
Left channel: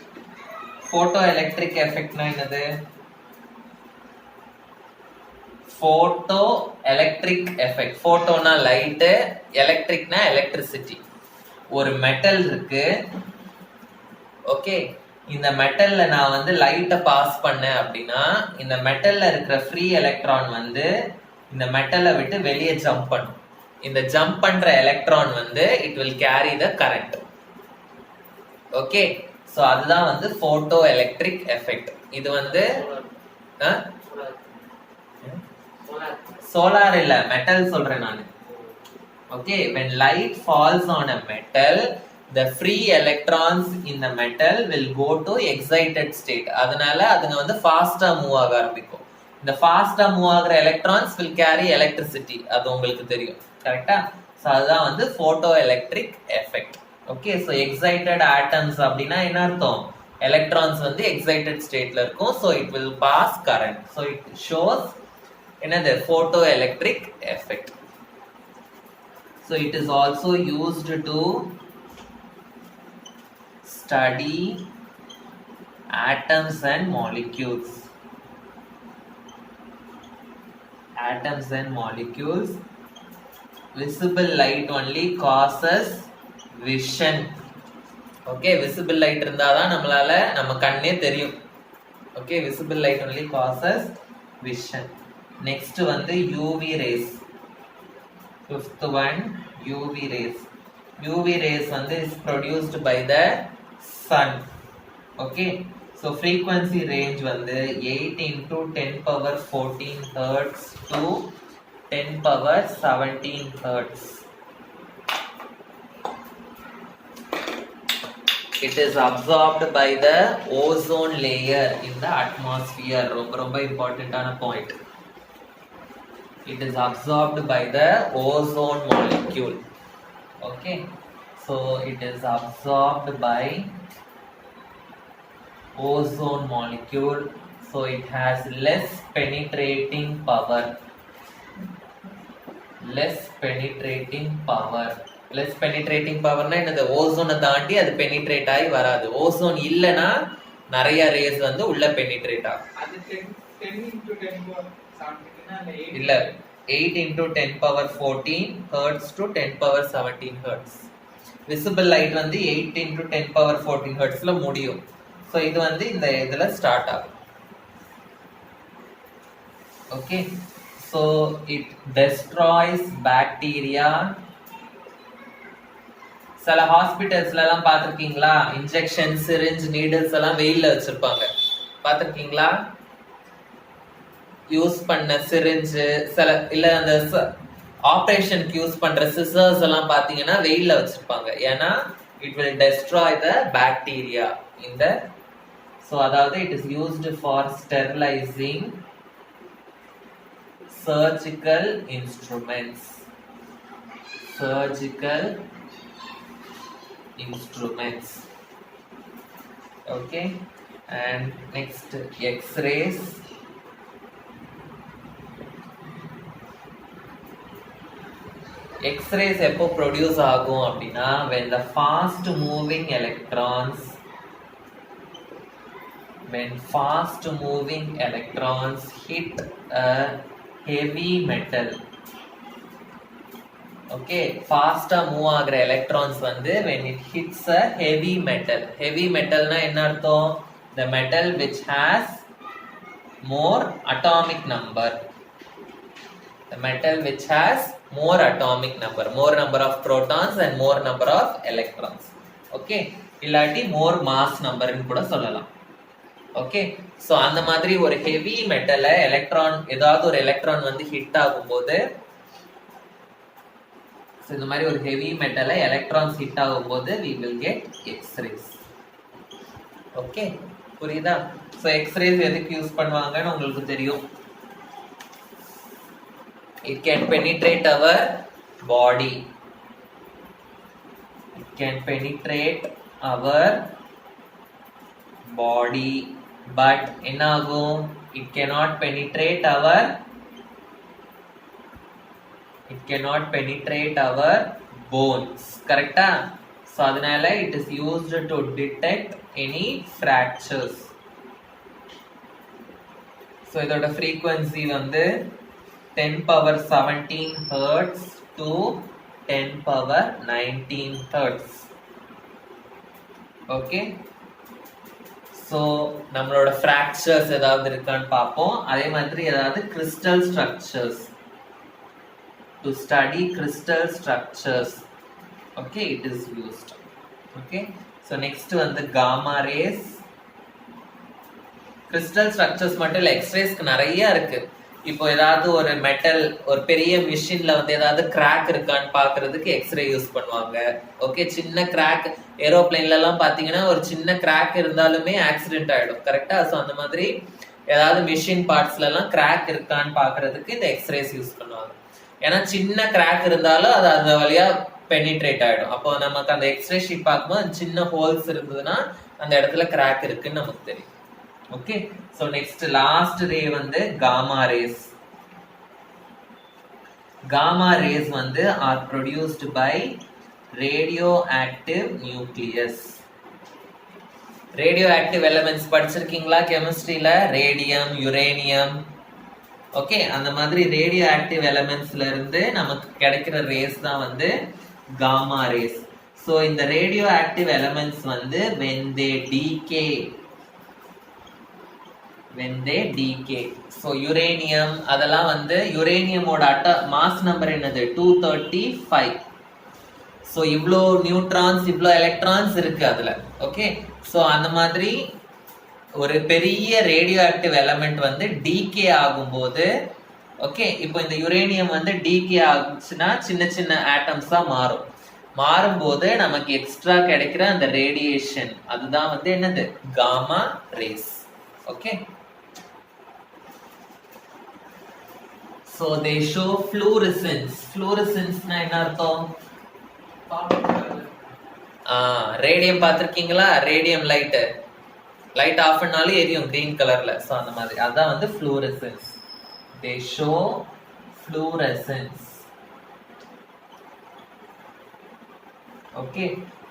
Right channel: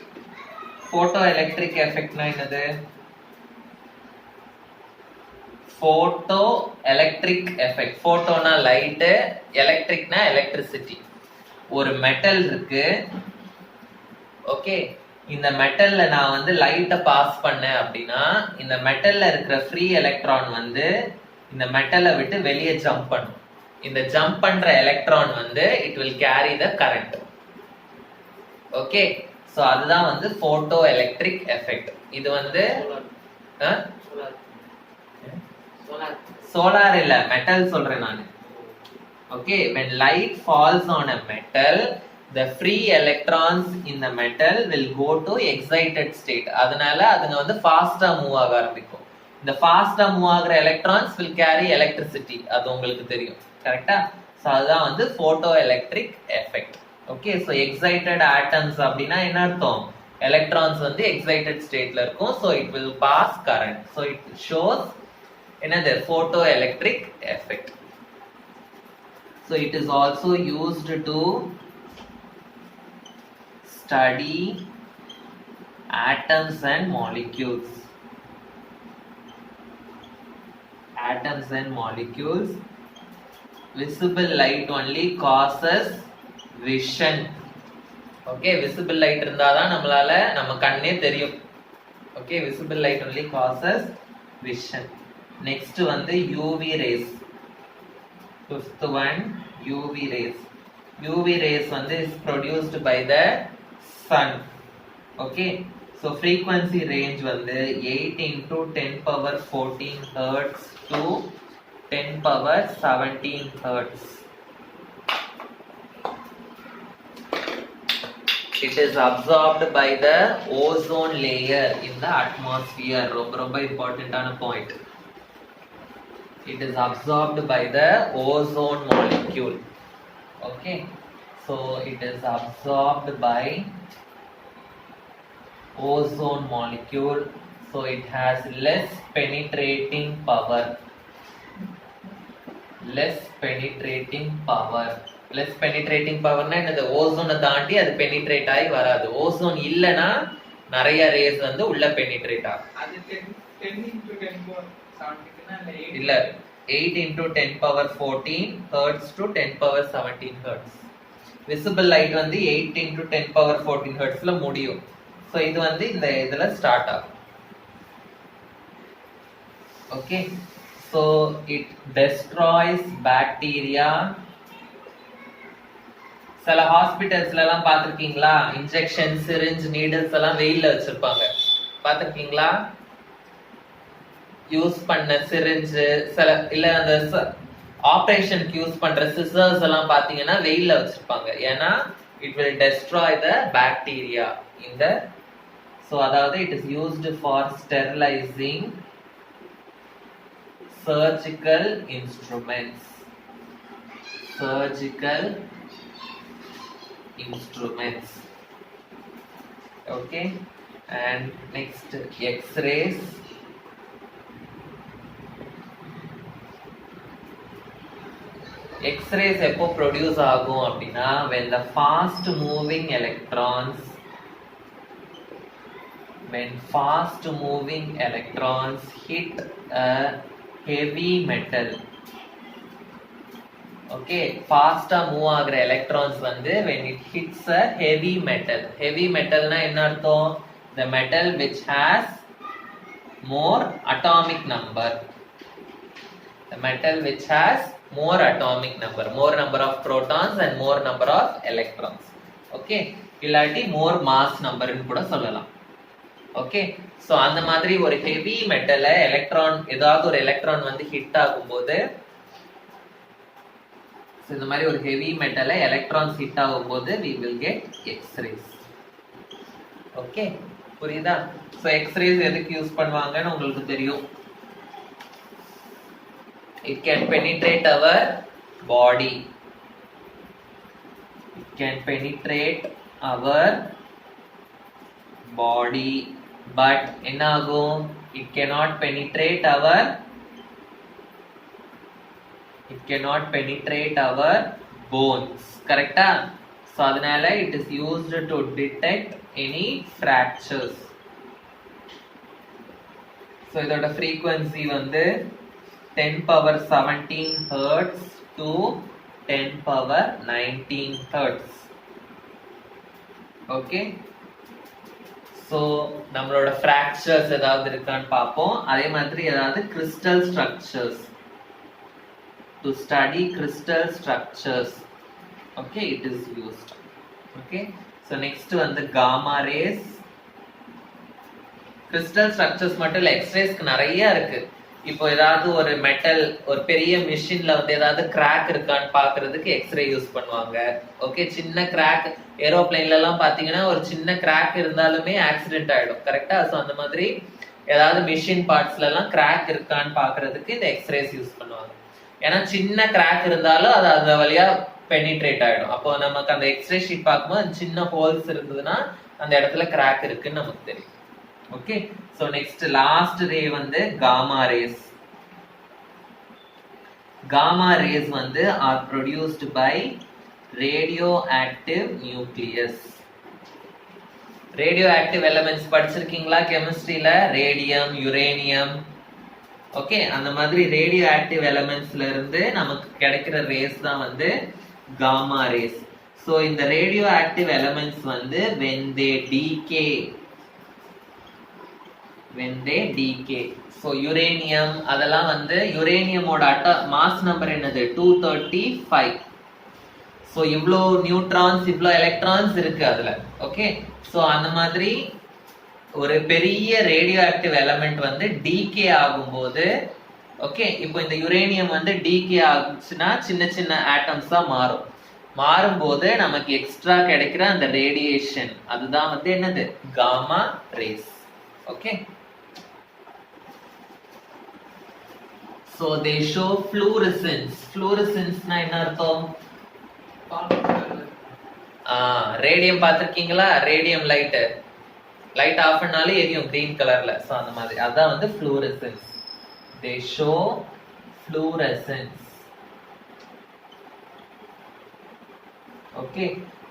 Photoelectric effect na enadhu? Photoelectric effect. போட்டோனா light, எலக்ட்ரிக்னா electricity. ஒரு metal இருக்கு. Okay. இந்த மெட்டல்ல நான் வந்து லைட்டை pass பண்ணேன் அப்படின்னா இந்த மெட்டல்ல இருக்கிற ஃப்ரீ எலக்ட்ரான் வந்து இந்த மெட்டலை விட்டு வெளியே ஜம்ப் பண்ணும். இந்த ஜம்ப் பண்ற எலக்ட்ரான் வந்து it will carry the current. Okay. So அதுதான் வந்து போட்டோ எலக்ட்ரிக் எஃபெக்ட். இது வந்து சோலார் இல்ல, மெட்டல் சொல்றேன் நான். Okay. when light falls on a metal, the free electrons in the metal will go to excited state. அதனால அதுங்க வந்து ஃபாஸ்டா மூவ் ஆக ஆரம்பிக்கும். இந்த ஃபாஸ்டா மூவ் ஆகுற electrons will carry electricity. அது உங்களுக்கு தெரியும். கரெக்ட்டா? சோ அதுதான் வந்து photo electric effect. Okay. So excited atoms அப்படினா என்ன அர்த்தம்? electrons வந்து excited stateல இருக்கும். so it will pass current. so it shows another photoelectric effect. So it is also used to study atoms and molecules. Atoms and molecules. Visible light only causes vision. Okay, visible light இருந்தா தான் நம்மளால நம்ம கண்ணே தெரியும். Okay, visible light only causes vision. Next வந்து UV rays. Fifth one UV rays. UV rays வந்து is produced by the sun. Okay. So frequency range வந்து 8 into 10 power 14 hertz to 10 power 17 hertz. It is absorbed by the ozone layer in the atmosphere. ரொம்ப important ஆன point. It is absorbed by the ozone molecule. Okay, so it is absorbed by ozone molecule, so it has less penetrating power. less penetrating power less penetrating powerனா என்னது, ஓசோனை தாண்டி அது penetrate ஆகி வராது. Ozone இல்லைன்னா நிறைய race வந்து உள்ள பெனிட்ரேட் ஆகும். அது 10 into 10 power 17 இல்ல 8 into 10 power 14 hertz to 10 power 17 hertz. Visible light வந்து 8 into 10 power 14 hertzல முடியும். ஸோ இது வந்து இந்த இதுல ஸ்டார்ட் ஆகும். Okay, so it destroys bacteria. சில ஹாஸ்பிட்டல்ஸ்ல எல்லாம் பார்த்திருக்கீங்களா, இன்ஜெக்ஷன் சிரிஞ்ச் நீடில்ஸ் எல்லாம் வெயில்ல வச்சிருப்பாங்க, பார்த்திருக்கீங்களா? யூஸ் பண்ண சிரிஞ்சு சில இல்ல அந்த ஆபரேஷனுக்கு யூஸ் பண்ற சிசர்ஸ் எல்லாம் பாத்தீங்கன்னா வெயில்ல வச்சிருப்பாங்க. ஏன்னா it will destroy the bacteria இந்த. ஸோ அதாவது it is used for sterilising surgical instruments. Okay, and next X-rays. X-rays எப்போ ப்ரொடியூஸ் ஆகும் அப்படின்னா, when fast moving electrons hit a heavy metal. Okay, ஃபாஸ்டா மூவ் ஆகுற எலக்ட்ரான்ஸ் வந்து when it hits a heavy metal. heavy metalனா என்ன அர்த்தம்? the metal which has more atomic number. the metal which has more atomic number, more number of protons and more number of electrons. Okay, இல்லாட்டி more mass number ன்னு கூட சொல்லலாம். Okay, so அந்த மாதிரி ஒரு heavy மெட்டலை electron, ஏதாவது ஒரு electron வந்து ஹிட் ஆகும்போது, இந்த மாதிரி ஒரு ஹெவி மெட்டலை எலக்ட்ரான்ஸ் ஹிட் ஆகும்போது we will get X-rays. Okay, புரியுதா? ஸோ X-rays எதுக்கு யூஸ் பண்ணுவாங்கன்னு உங்களுக்கு தெரியும். it can penetrate our body. But என்ன ஆகும்? it cannot penetrate our bones. கரெக்டா? ஸோ அதனால it is used to detect any fractures. So இதோட frequency வந்து 10 power 17 hertz to 10 power 19 hertz. Okay, so நம்மளோட ஃப்ராக்சர்ஸ் ஏதாவது இருக்கான்னு பார்ப்போம். அதே மாதிரி ஏதாவது crystal structures, to study crystal structures. Okay, it is used. Okay, so next வந்து காமா ரேஸ். கிறிஸ்டல் ஸ்ட்ரக்சர்ஸ் மட்டும் இல்லை, எக்ஸ்ரேஸ்க்கு நிறைய இருக்கு. இப்போ ஏதாவது ஒரு மெட்டல், ஒரு பெரிய மிஷின்ல வந்து ஏதாவது கிராக் இருக்கான்னு பாக்குறதுக்கு எக்ஸ்ரே யூஸ் பண்ணுவாங்க. ஓகே, சின்ன கிராக், ஏரோப்ளைன்ல எல்லாம் பாத்தீங்கன்னா ஒரு சின்ன கிராக் இருந்தாலுமே ஆக்சிடென்ட் ஆயிடும். கரெக்டா? ஸோ அந்த மாதிரி ஏதாவது மிஷின் பார்ட்ஸ்ல எல்லாம் கிராக் இருக்கான்னு பாக்குறதுக்கு இந்த எக்ஸ்ரேஸ் யூஸ் பண்ணுவாங்க. ஏன்னா சின்ன கிராக் இருந்தாலும் அது அந்த வழியா பெனிட்ரேட் ஆயிடும். அப்போ நமக்கு அந்த எக்ஸ்ரே ஷீட் பார்க்கும்போது சின்ன ஹோல்ஸ் இருந்ததுன்னா அந்த இடத்துல கிராக் இருக்குன்னு நமக்கு தெரியும். Okay, so next last ray வந்து காமா ரேஸ். காமா ரேஸ் வந்து are produced by radio active nucleus. Radio active elements படிச்சிருக்கீங்களா கெமிஸ்ட்ரியில? Radium, uranium. ஓகே, அந்த மாதிரி ரேடியோ ஆக்டிவ் எலிமெண்ட்ஸ்ல இருந்து நமக்கு கிடைக்கிற ரேஸ் தான் வந்து காமா ரேஸ். சோ இந்த ரேடியோ ஆக்டிவ் எலிமெண்ட்ஸ் வந்து when they decay. so uranium அதெல்லாம் வந்து யுரேனியமோட மாஸ் நம்பர் என்னது? 235. so இவ்ளோ நியூட்ரான்ஸ், இவ்ளோ எலக்ட்ரான்ஸ் இருக்கு அதுல. ஓகே, சோ அந்த மாதிரி ஒரு பெரிய ரேடியோ ஆக்டிவ் எலிமெண்ட் வந்து டீகே ஆகும்போது, ஓகே, இப்போ இந்த யுரேனியம் வந்து டீகே ஆகுச்சுன்னா சின்ன சின்ன ஆட்டம்ஸா மாறும்போது நமக்கு எக்ஸ்ட்ரா கிடைக்கிற அந்த ரேடியேஷன், அதுதான் வந்து என்னது? Gamma rays. Okay, so they show fluorescence. fluorescence னா என்ன அர்த்தம்? காப்பர் கலர்ல. ரேடியம் பார்த்துருக்கீங்களா? ரேடியம் லைட் ஆஃப் பண்ணாலும் எரியும் கிரீன் கலர்ல. ஸோ அந்த மாதிரி அதான் வந்து fluorescens. They show fluorescens. Okay,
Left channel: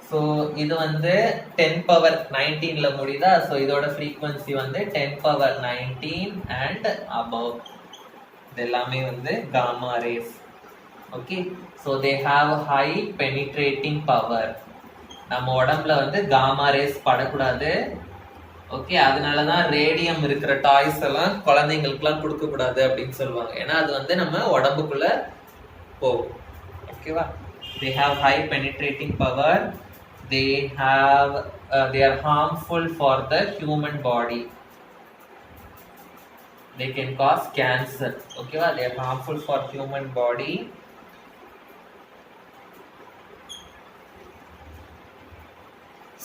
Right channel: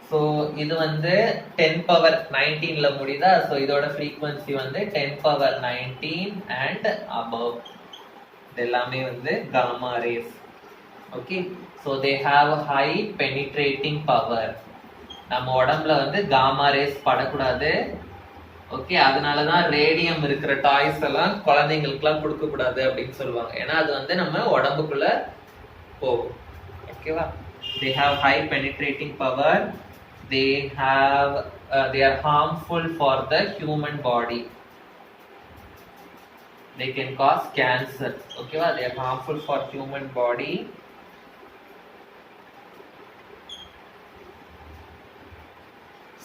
so இது வந்து 10 பவர் 19ல முடியுதா? ஸோ இதோட ஃப்ரீக்வன்சி வந்து 10 பவர் 19 அண்ட் above. இது எல்லாமே வந்து gamma rays. Okay, so they have high penetrating power. நம்ம உடம்புல வந்து காமா ரேஸ் படக்கூடாது. ஓகே, அதனாலதான் ரேடியம் இருக்கிற டாய்ஸ் எல்லாம் குழந்தைங்களுக்குலாம் கொடுக்க கூடாது அப்படின்னு சொல்லுவாங்க. ஏன்னா அது வந்து நம்ம உடம்புக்குள்ள போகும். ஓகேவா? they have high penetrating power. They are harmful for the human body. They can cause cancer. Okay va? They are harmful for human body.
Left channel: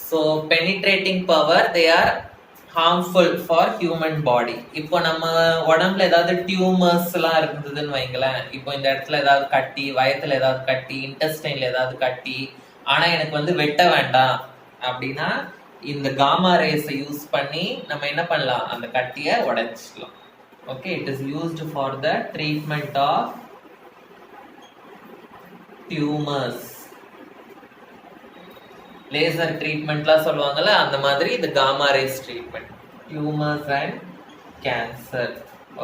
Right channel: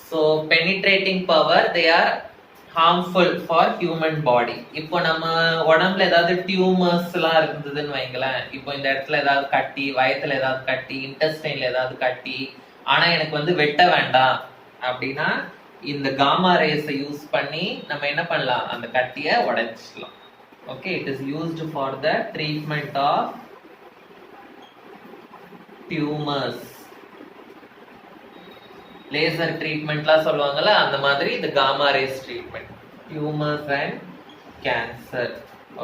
So penetrating power, they are harmful for human body. இப்போ நம்ம உடம்புல ஏதாவது tumours எல்லாம் இருந்ததுன்னு வைங்களேன். இப்போ இந்த இடத்துல ஏதாவது கட்டி, வயத்துல ஏதாவது கட்டி, இன்டெஸ்டைன்ல ஏதாவது கட்டி, ஆனா எனக்கு வந்து வெட்ட வேண்டாம் அப்படின்னா இந்த காமா ரேஸை யூஸ் பண்ணி நம்ம என்ன பண்ணலாம்? அந்த கட்டியை உடைச்சிக்கலாம். Okay, it is used for the treatment of tumours. Laser ட்ரீட்மெண்ட்லாம் சொல்லுவாங்கல்ல, அந்த மாதிரி இந்த gamma rays treatment, tumours and cancer.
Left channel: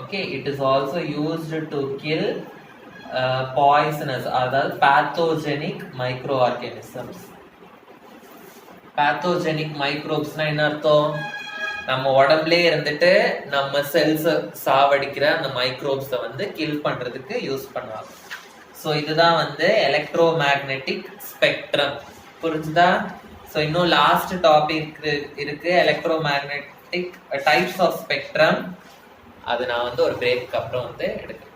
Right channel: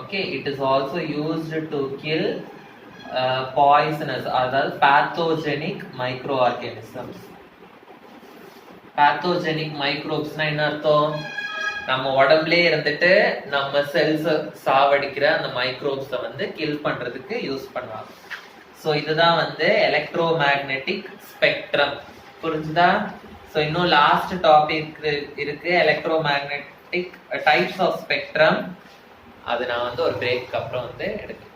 Okay, it is also used to kill poisonous, அதாவது பேத்தோஜெனிக் மைக்ரோ ஆர்கானிசம்ஸ். பேத்தோஜெனிக் மைக்ரோப்ஸ்னா என்ன அர்த்தம்? நம்ம உடம்புலே இருந்துட்டு நம்ம செல்ஸ் சாவடிக்கிற அந்த மைக்ரோப்ஸை வந்து கில் பண்றதுக்கு யூஸ் பண்ணுவாங்க. ஸோ இதுதான் வந்து எலக்ட்ரோ மேக்னெட்டிக் ஸ்பெக்ட்ரம். புரிஞ்சுதா? ஸோ இன்னும் லாஸ்ட் டாபிக் இருக்கு, electro magnetic types of spectrum. அது நான் வந்து ஒரு பிரேக்கு அப்புறம் வந்து எடுக்கிறேன்.